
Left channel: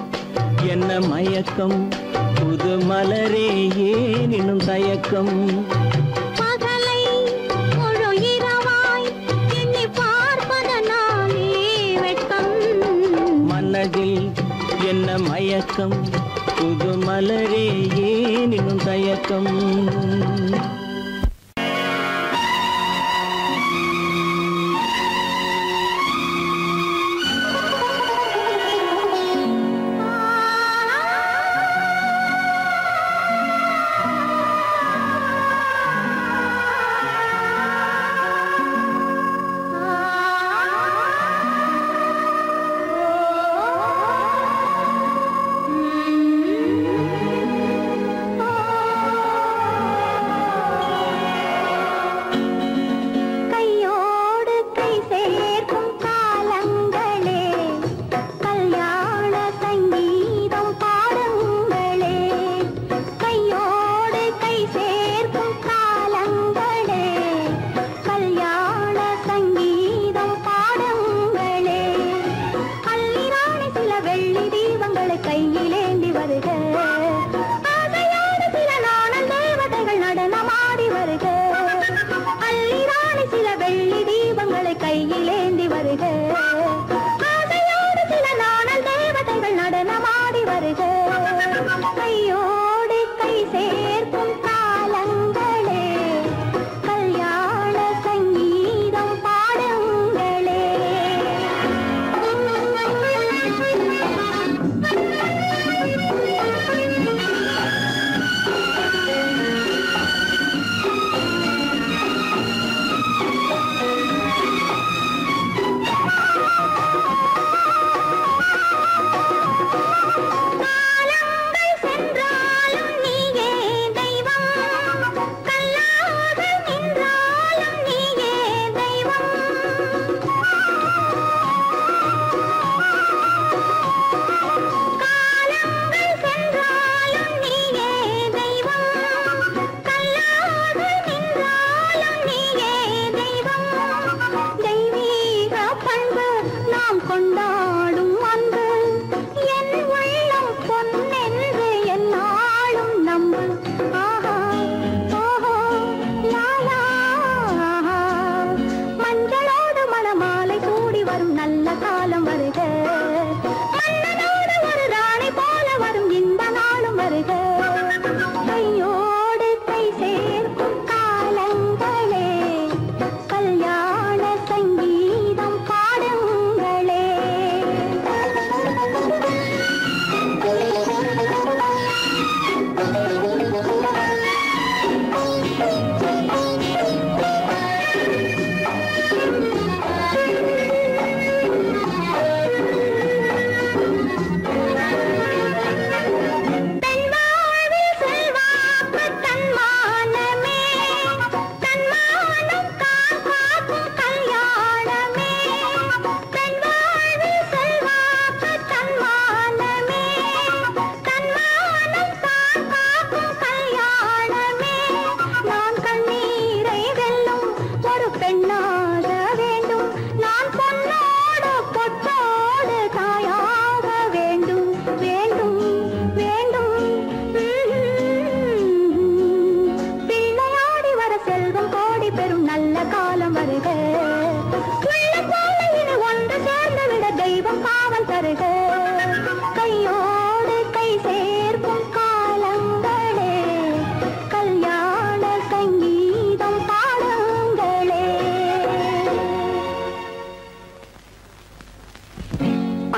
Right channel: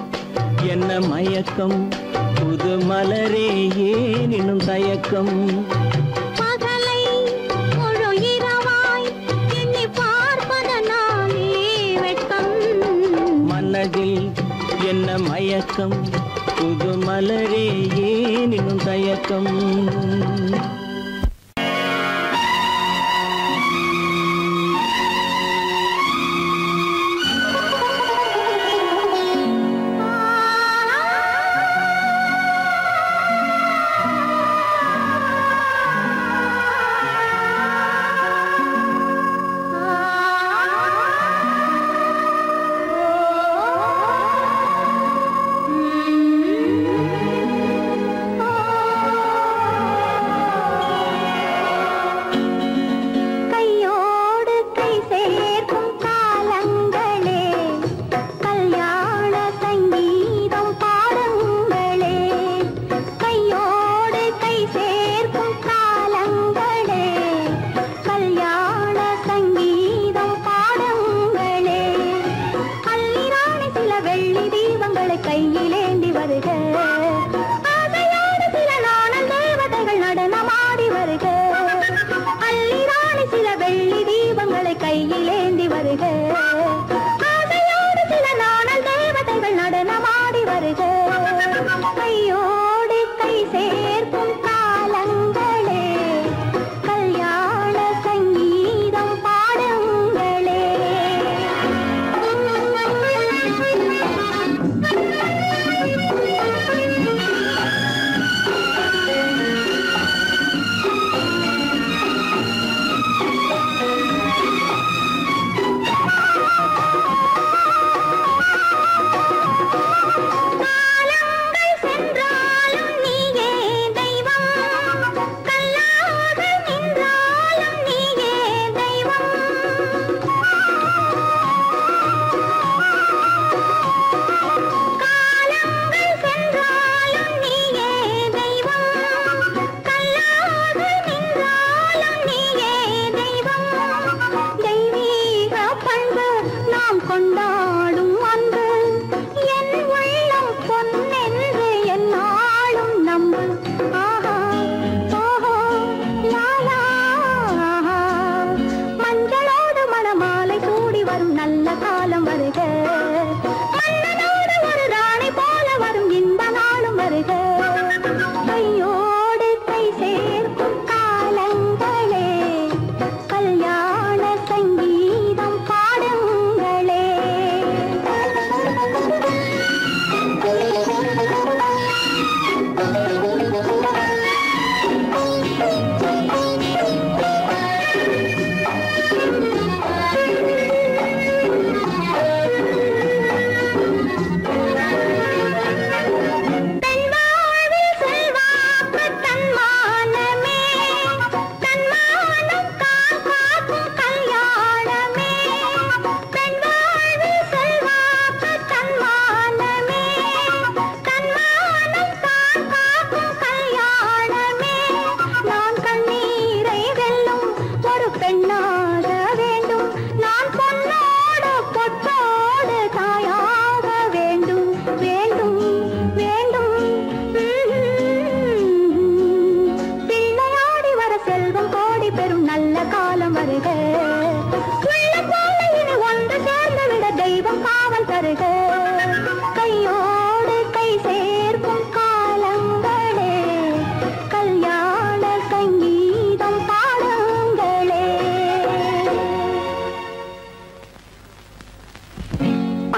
என்ன மயக்கம் புது மலரே ஏன் இன்னும் தயக்கம் பகலை முழு இரவாய் எண்ணி பார்ப்பதனாலே வெட்கம் மனதில் என்ன மயக்கம் புது மலரே ஏன் இன்னும் தயக்கம்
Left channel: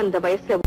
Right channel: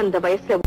அந்த வயசுல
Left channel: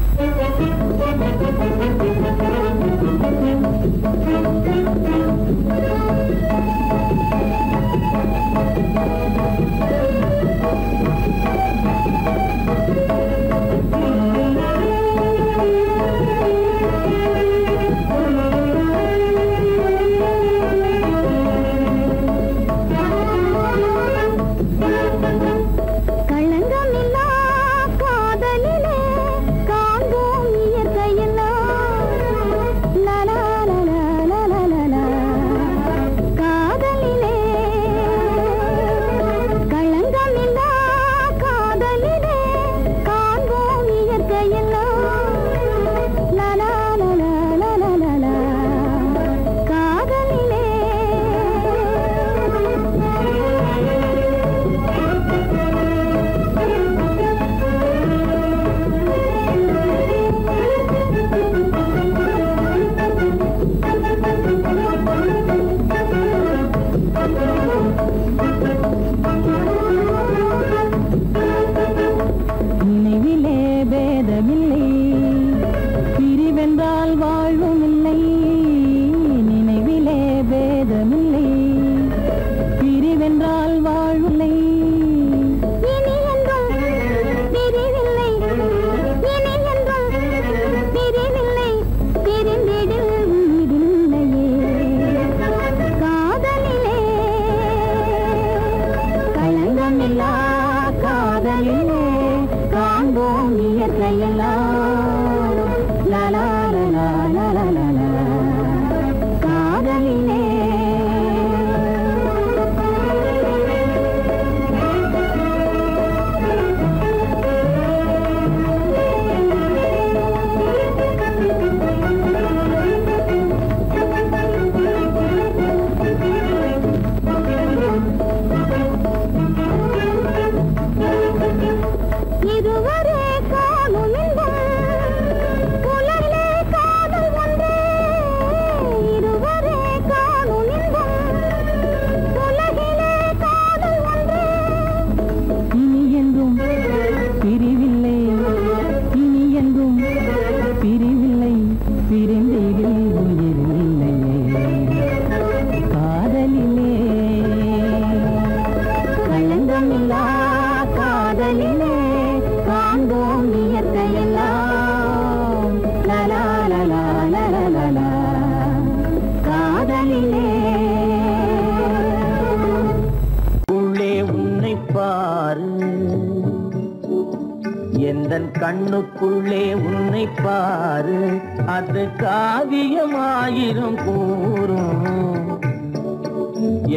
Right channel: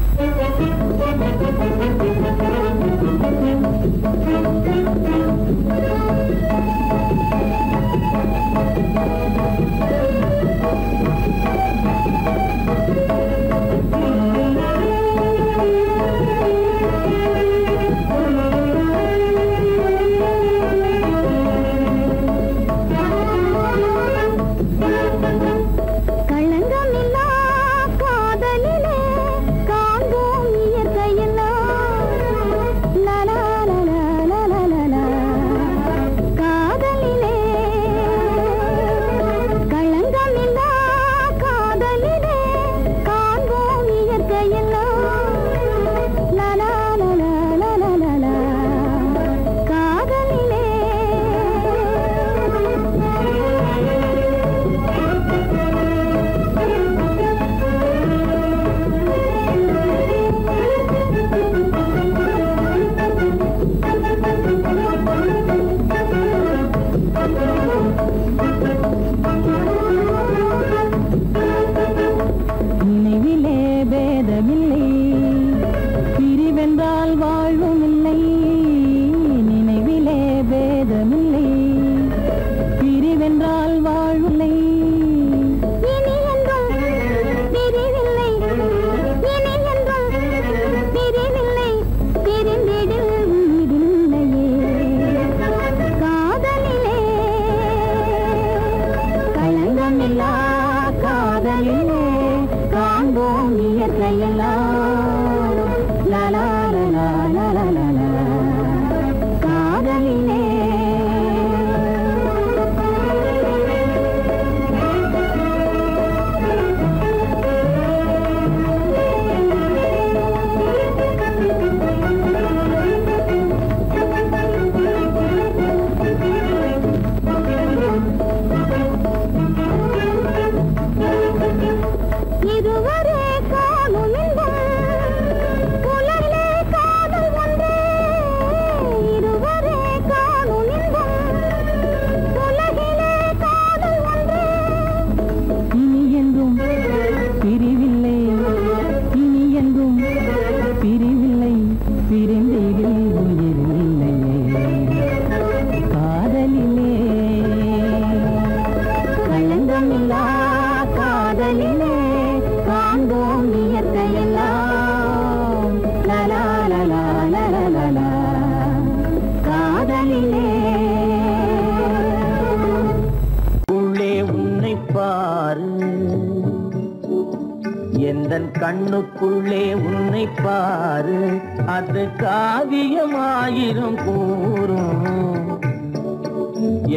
கண்ணுக்குள்ளே உன்னை பாரு அது காவியமாயிரும் கூறும்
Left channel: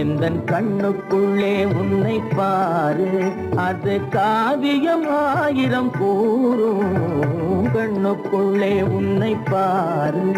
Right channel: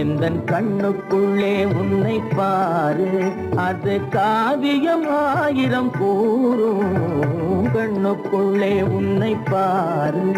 எந்தன் கண்ணுக்குள்ளே உன்னை பாரு அது காவியமாயிரம் கூறும் கண்ணுக்குள்ளே உன்னை பாரு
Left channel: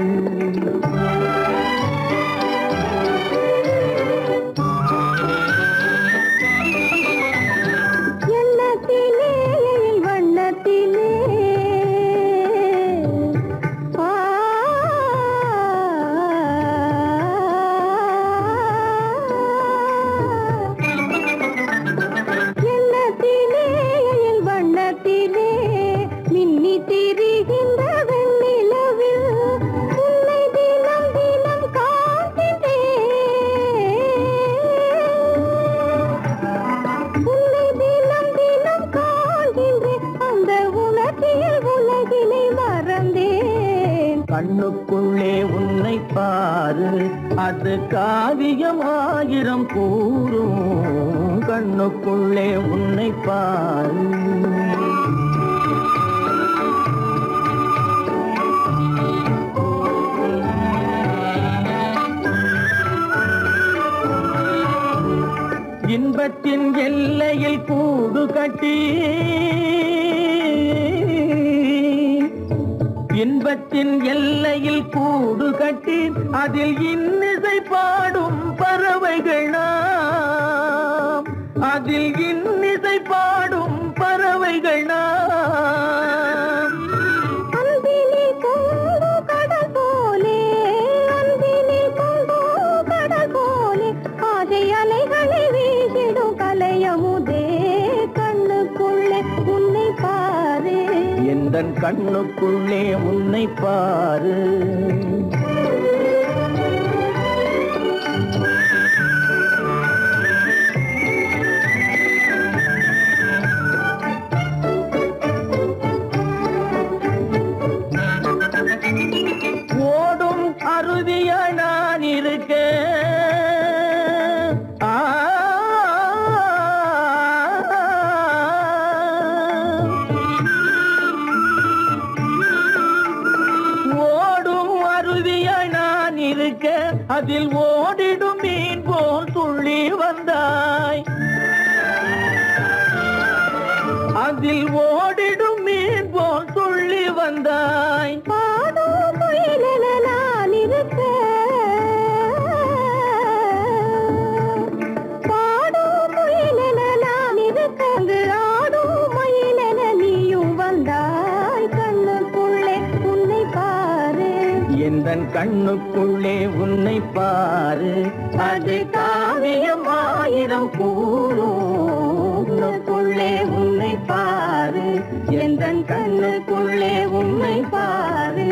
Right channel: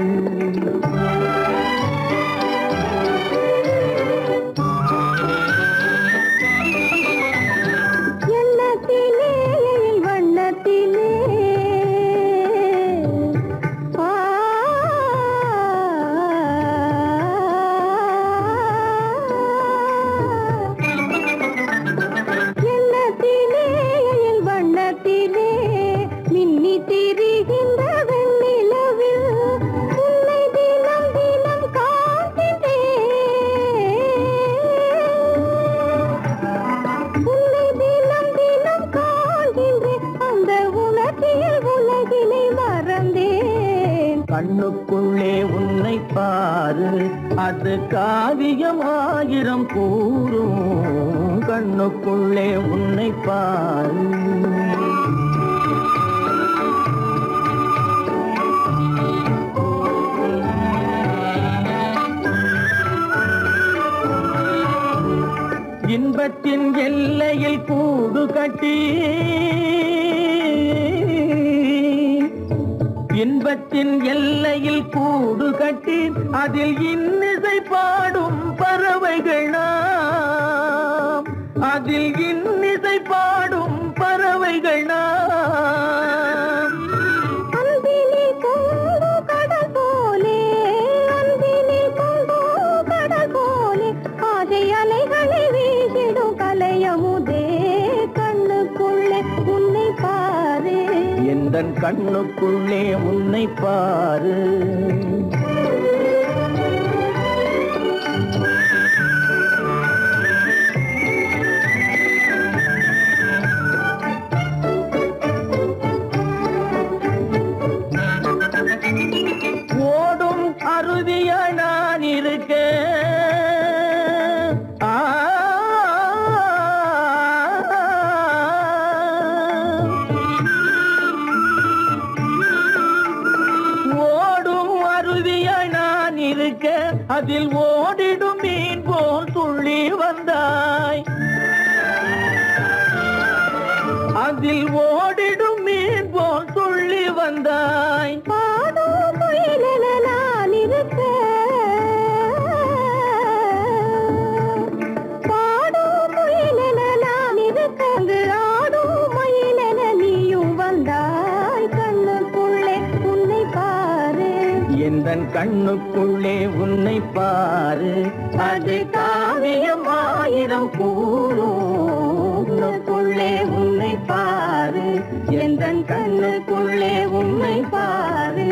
கண்ணுக்குள்ளே உன்னை பாரு அது காவியமாயிரம் கூறும் கண்ணுக்குள்ளே உன்னை பாரு இன்பத்தின் எல்லையில் கூடு கட்டி இன்பத்தின் எல்லையில் கூடு கட்டி அதில் இன்னிசை பாடும் பறவைகள் நாம் அதில் இன்னிசை பாடும் பறவைகள் நாம் அன்பிலே பொங்கு கடல் போலே அன்பிலே பொங்கு கடல் போலே ஆசை அலைகளை வீசிடும் கலையமுதே கண்ணுக்குள்ளே உன்னை பாரு எந்த எந்தன் கண்ணுக்குள்ளே உன்னை பாரு. ஓடும் அருவியா நான் இருக்க அதில் ஓடிடும் மீன் போல் துள்ளி வந்தாய். அதில் ஓடிடும் மீன் போல் துள்ளி வந்தாய். பாடும் முயலென நான் இருக்க, பாடும் முயலென நான் இருக்க, ஆடும் மயிலென நீயும் வந்தாய். கண்ணுக்குள்ளே உன்னை பாரு, எந்தன் கண்ணுக்குள்ளே உன்னை பாரு. அது காவியம் ஆயிரம் கூறுக்குள்ளே உன்னை பாரு. எந்தன் கண்ணுக்குள்ளே உன்னை பாரு.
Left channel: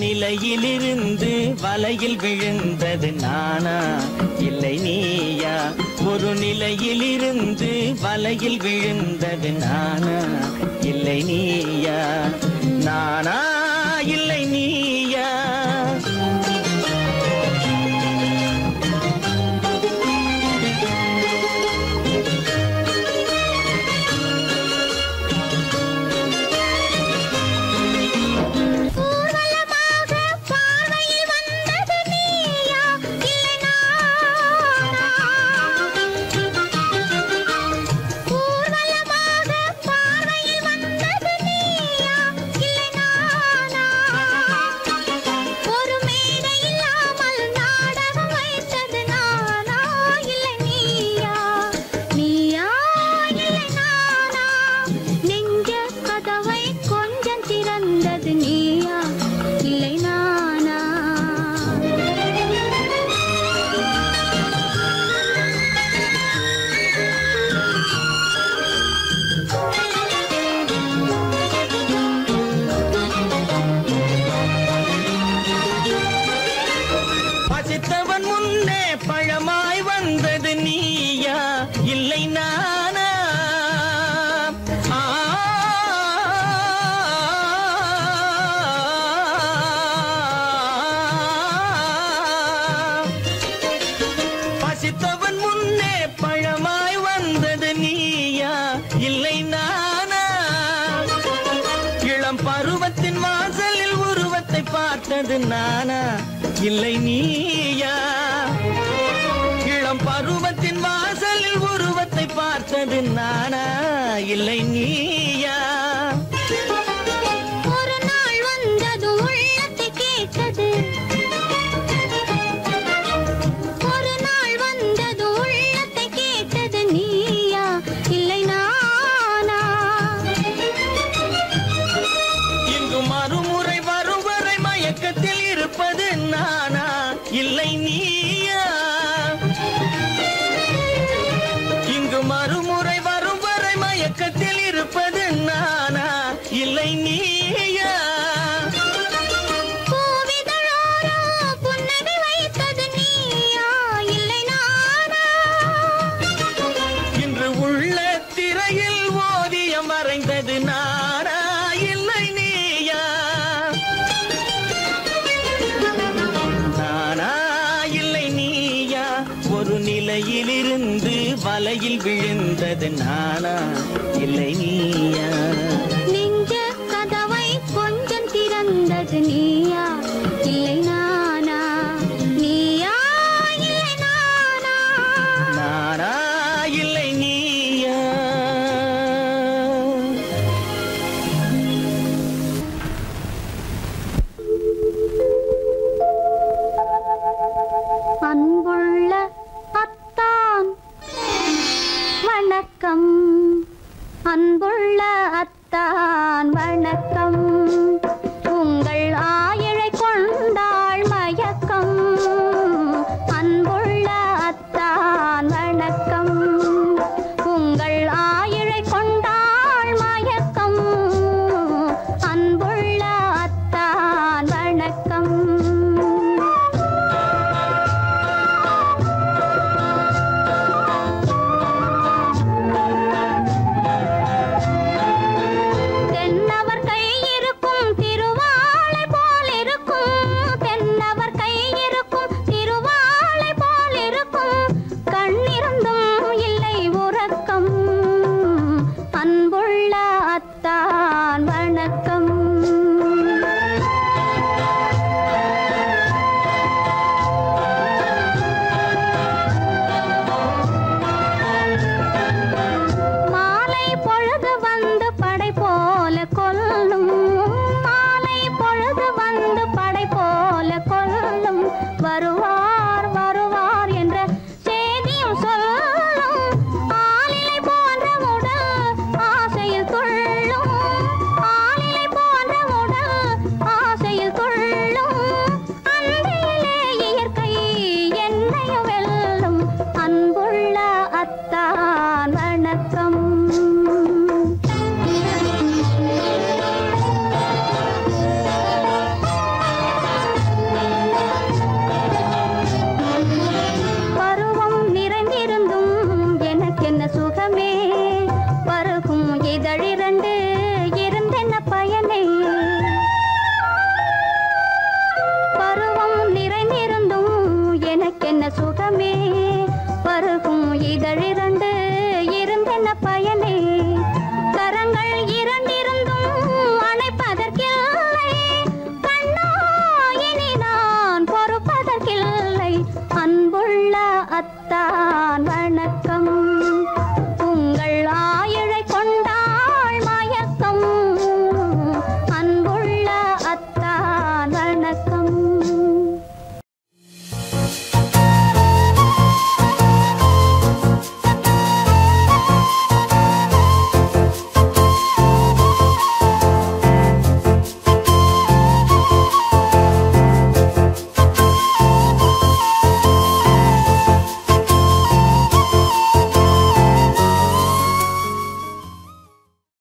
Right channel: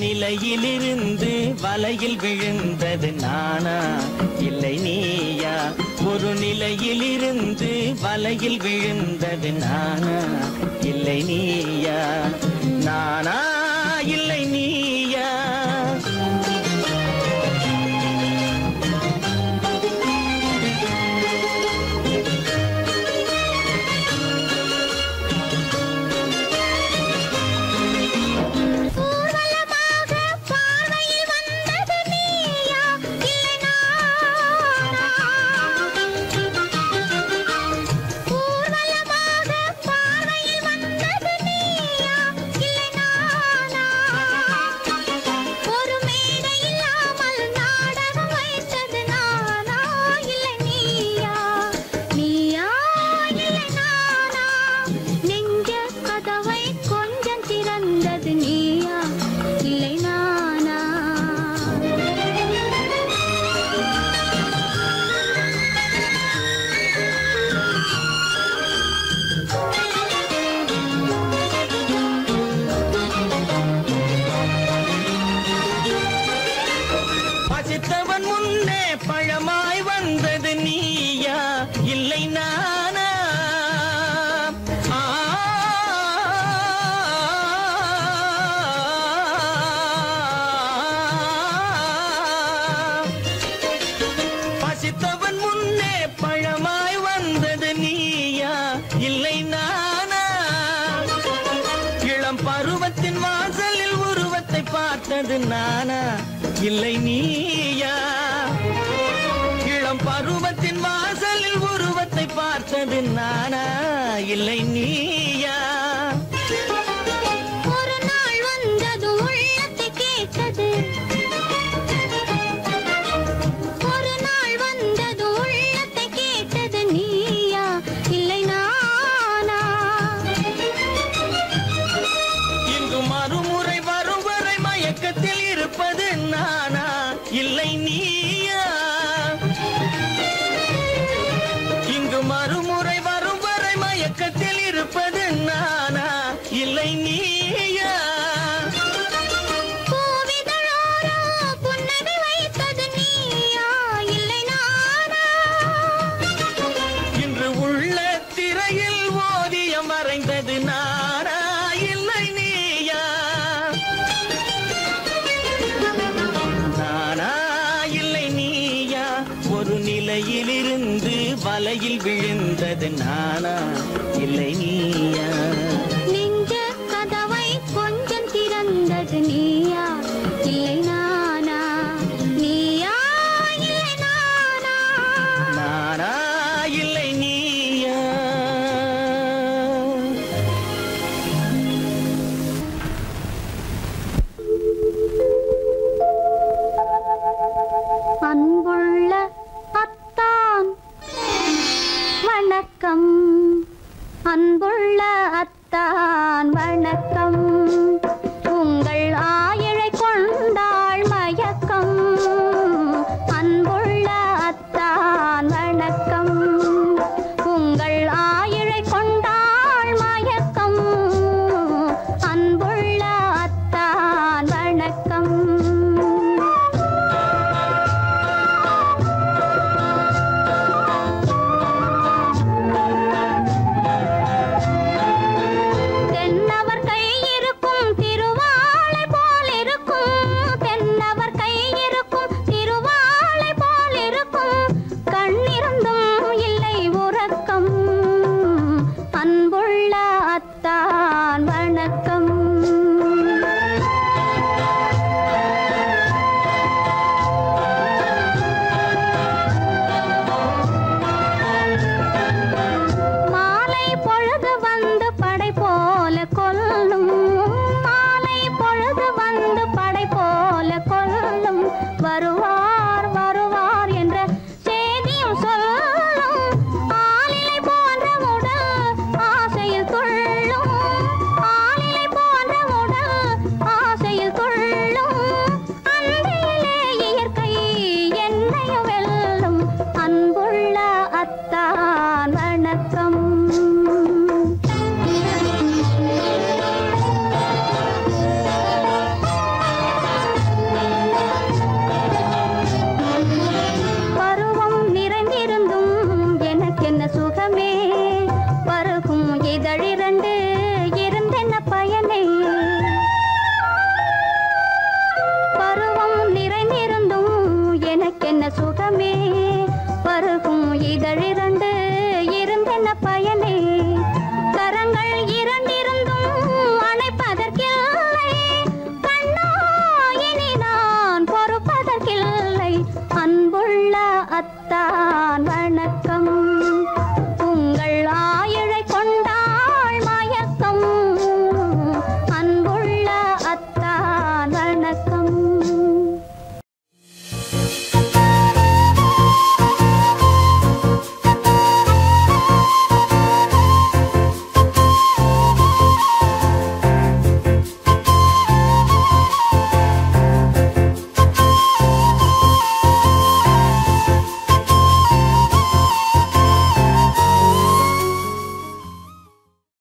நிலையிலிருந்து வலையில் விழுந்தது நானா இல்லை நீயா? ஒரு நிலையிலிருந்து வலையில் விழுந்தது நானா இல்லை நீயா? நானா இல்லை நீயா? பழமாய் வந்தது நீயா இல்லை நானா? பசித்தவன் முன்னே பழமாய் வந்தது நீயா இல்லை நானா? இளம் பருவத்தின் வாசலில் உருவத்தை பார்த்தது நானா இல்லை நீயா? இளம் பருவத்தின் வாசலில் உருவத்தை பார்த்தது நானா இல்லை நீயா? ஒரு நாள் வந்தது உள்ளத்தை கேட்டது, ஒரு நாள் வந்தது உள்ளத்தை கேட்டது நீயா இல்லை நானா? இங்கு மறுமுறை வரும் வரை மயக்கத்தில் இருப்பது நானா இல்லை நீயா? இங்கு மறுமுறை வரும் வரை மயக்கத்தில் இருப்பது இலையிலிருந்து வலையில் விழுந்தது நானா இல்லை நீயா? நெஞ்ச கதவை கொஞ்சம் திறந்தது நீயா இல்லை நானா? நீயா இல்லை நானா? நானா இல்லை நீயா? அன்புள்ள அத்தான் வணக்கம், அன்புள்ள அத்தான் வணக்கம். உங்கள் ஆயிழை கொண்டாள் மயக்கம். அன்புள்ள அத்தான் வணக்கம். உங்கள் ஆயிழை கொண்டாள் மயக்கம். அன்புள்ள அத்தான் வணக்கம். தென்னவர் கை இருக்கும் திருவாளை போல் இருக்கும். தென்னவர் கை இருக்கும் திருவாளை போல் இருக்கும். கண்ணிருந்தும் இல்லை உறக்கம். அன்புள்ள அத்தான் வணக்கம். மாலை பொழுது வந்து படை போல கொல்லும். மாலை பொழுது வந்து படை போல கொல்லும். வருவார் வருவார் என்ற செய்தியும் சொல்லும். ஆளிலை போன்ற உடல் ஆசையில் துள்ளும். ஆளிலை போன்ற உடல் ஆசையில் துள்ளும். அன்றையிலே இயற்கை என்னையும் வெல்லும். அன்புள்ள அத்தான் வணக்கம். பருவம் நிறைந்திருந்தும் எனக்கென்ன சுகமே.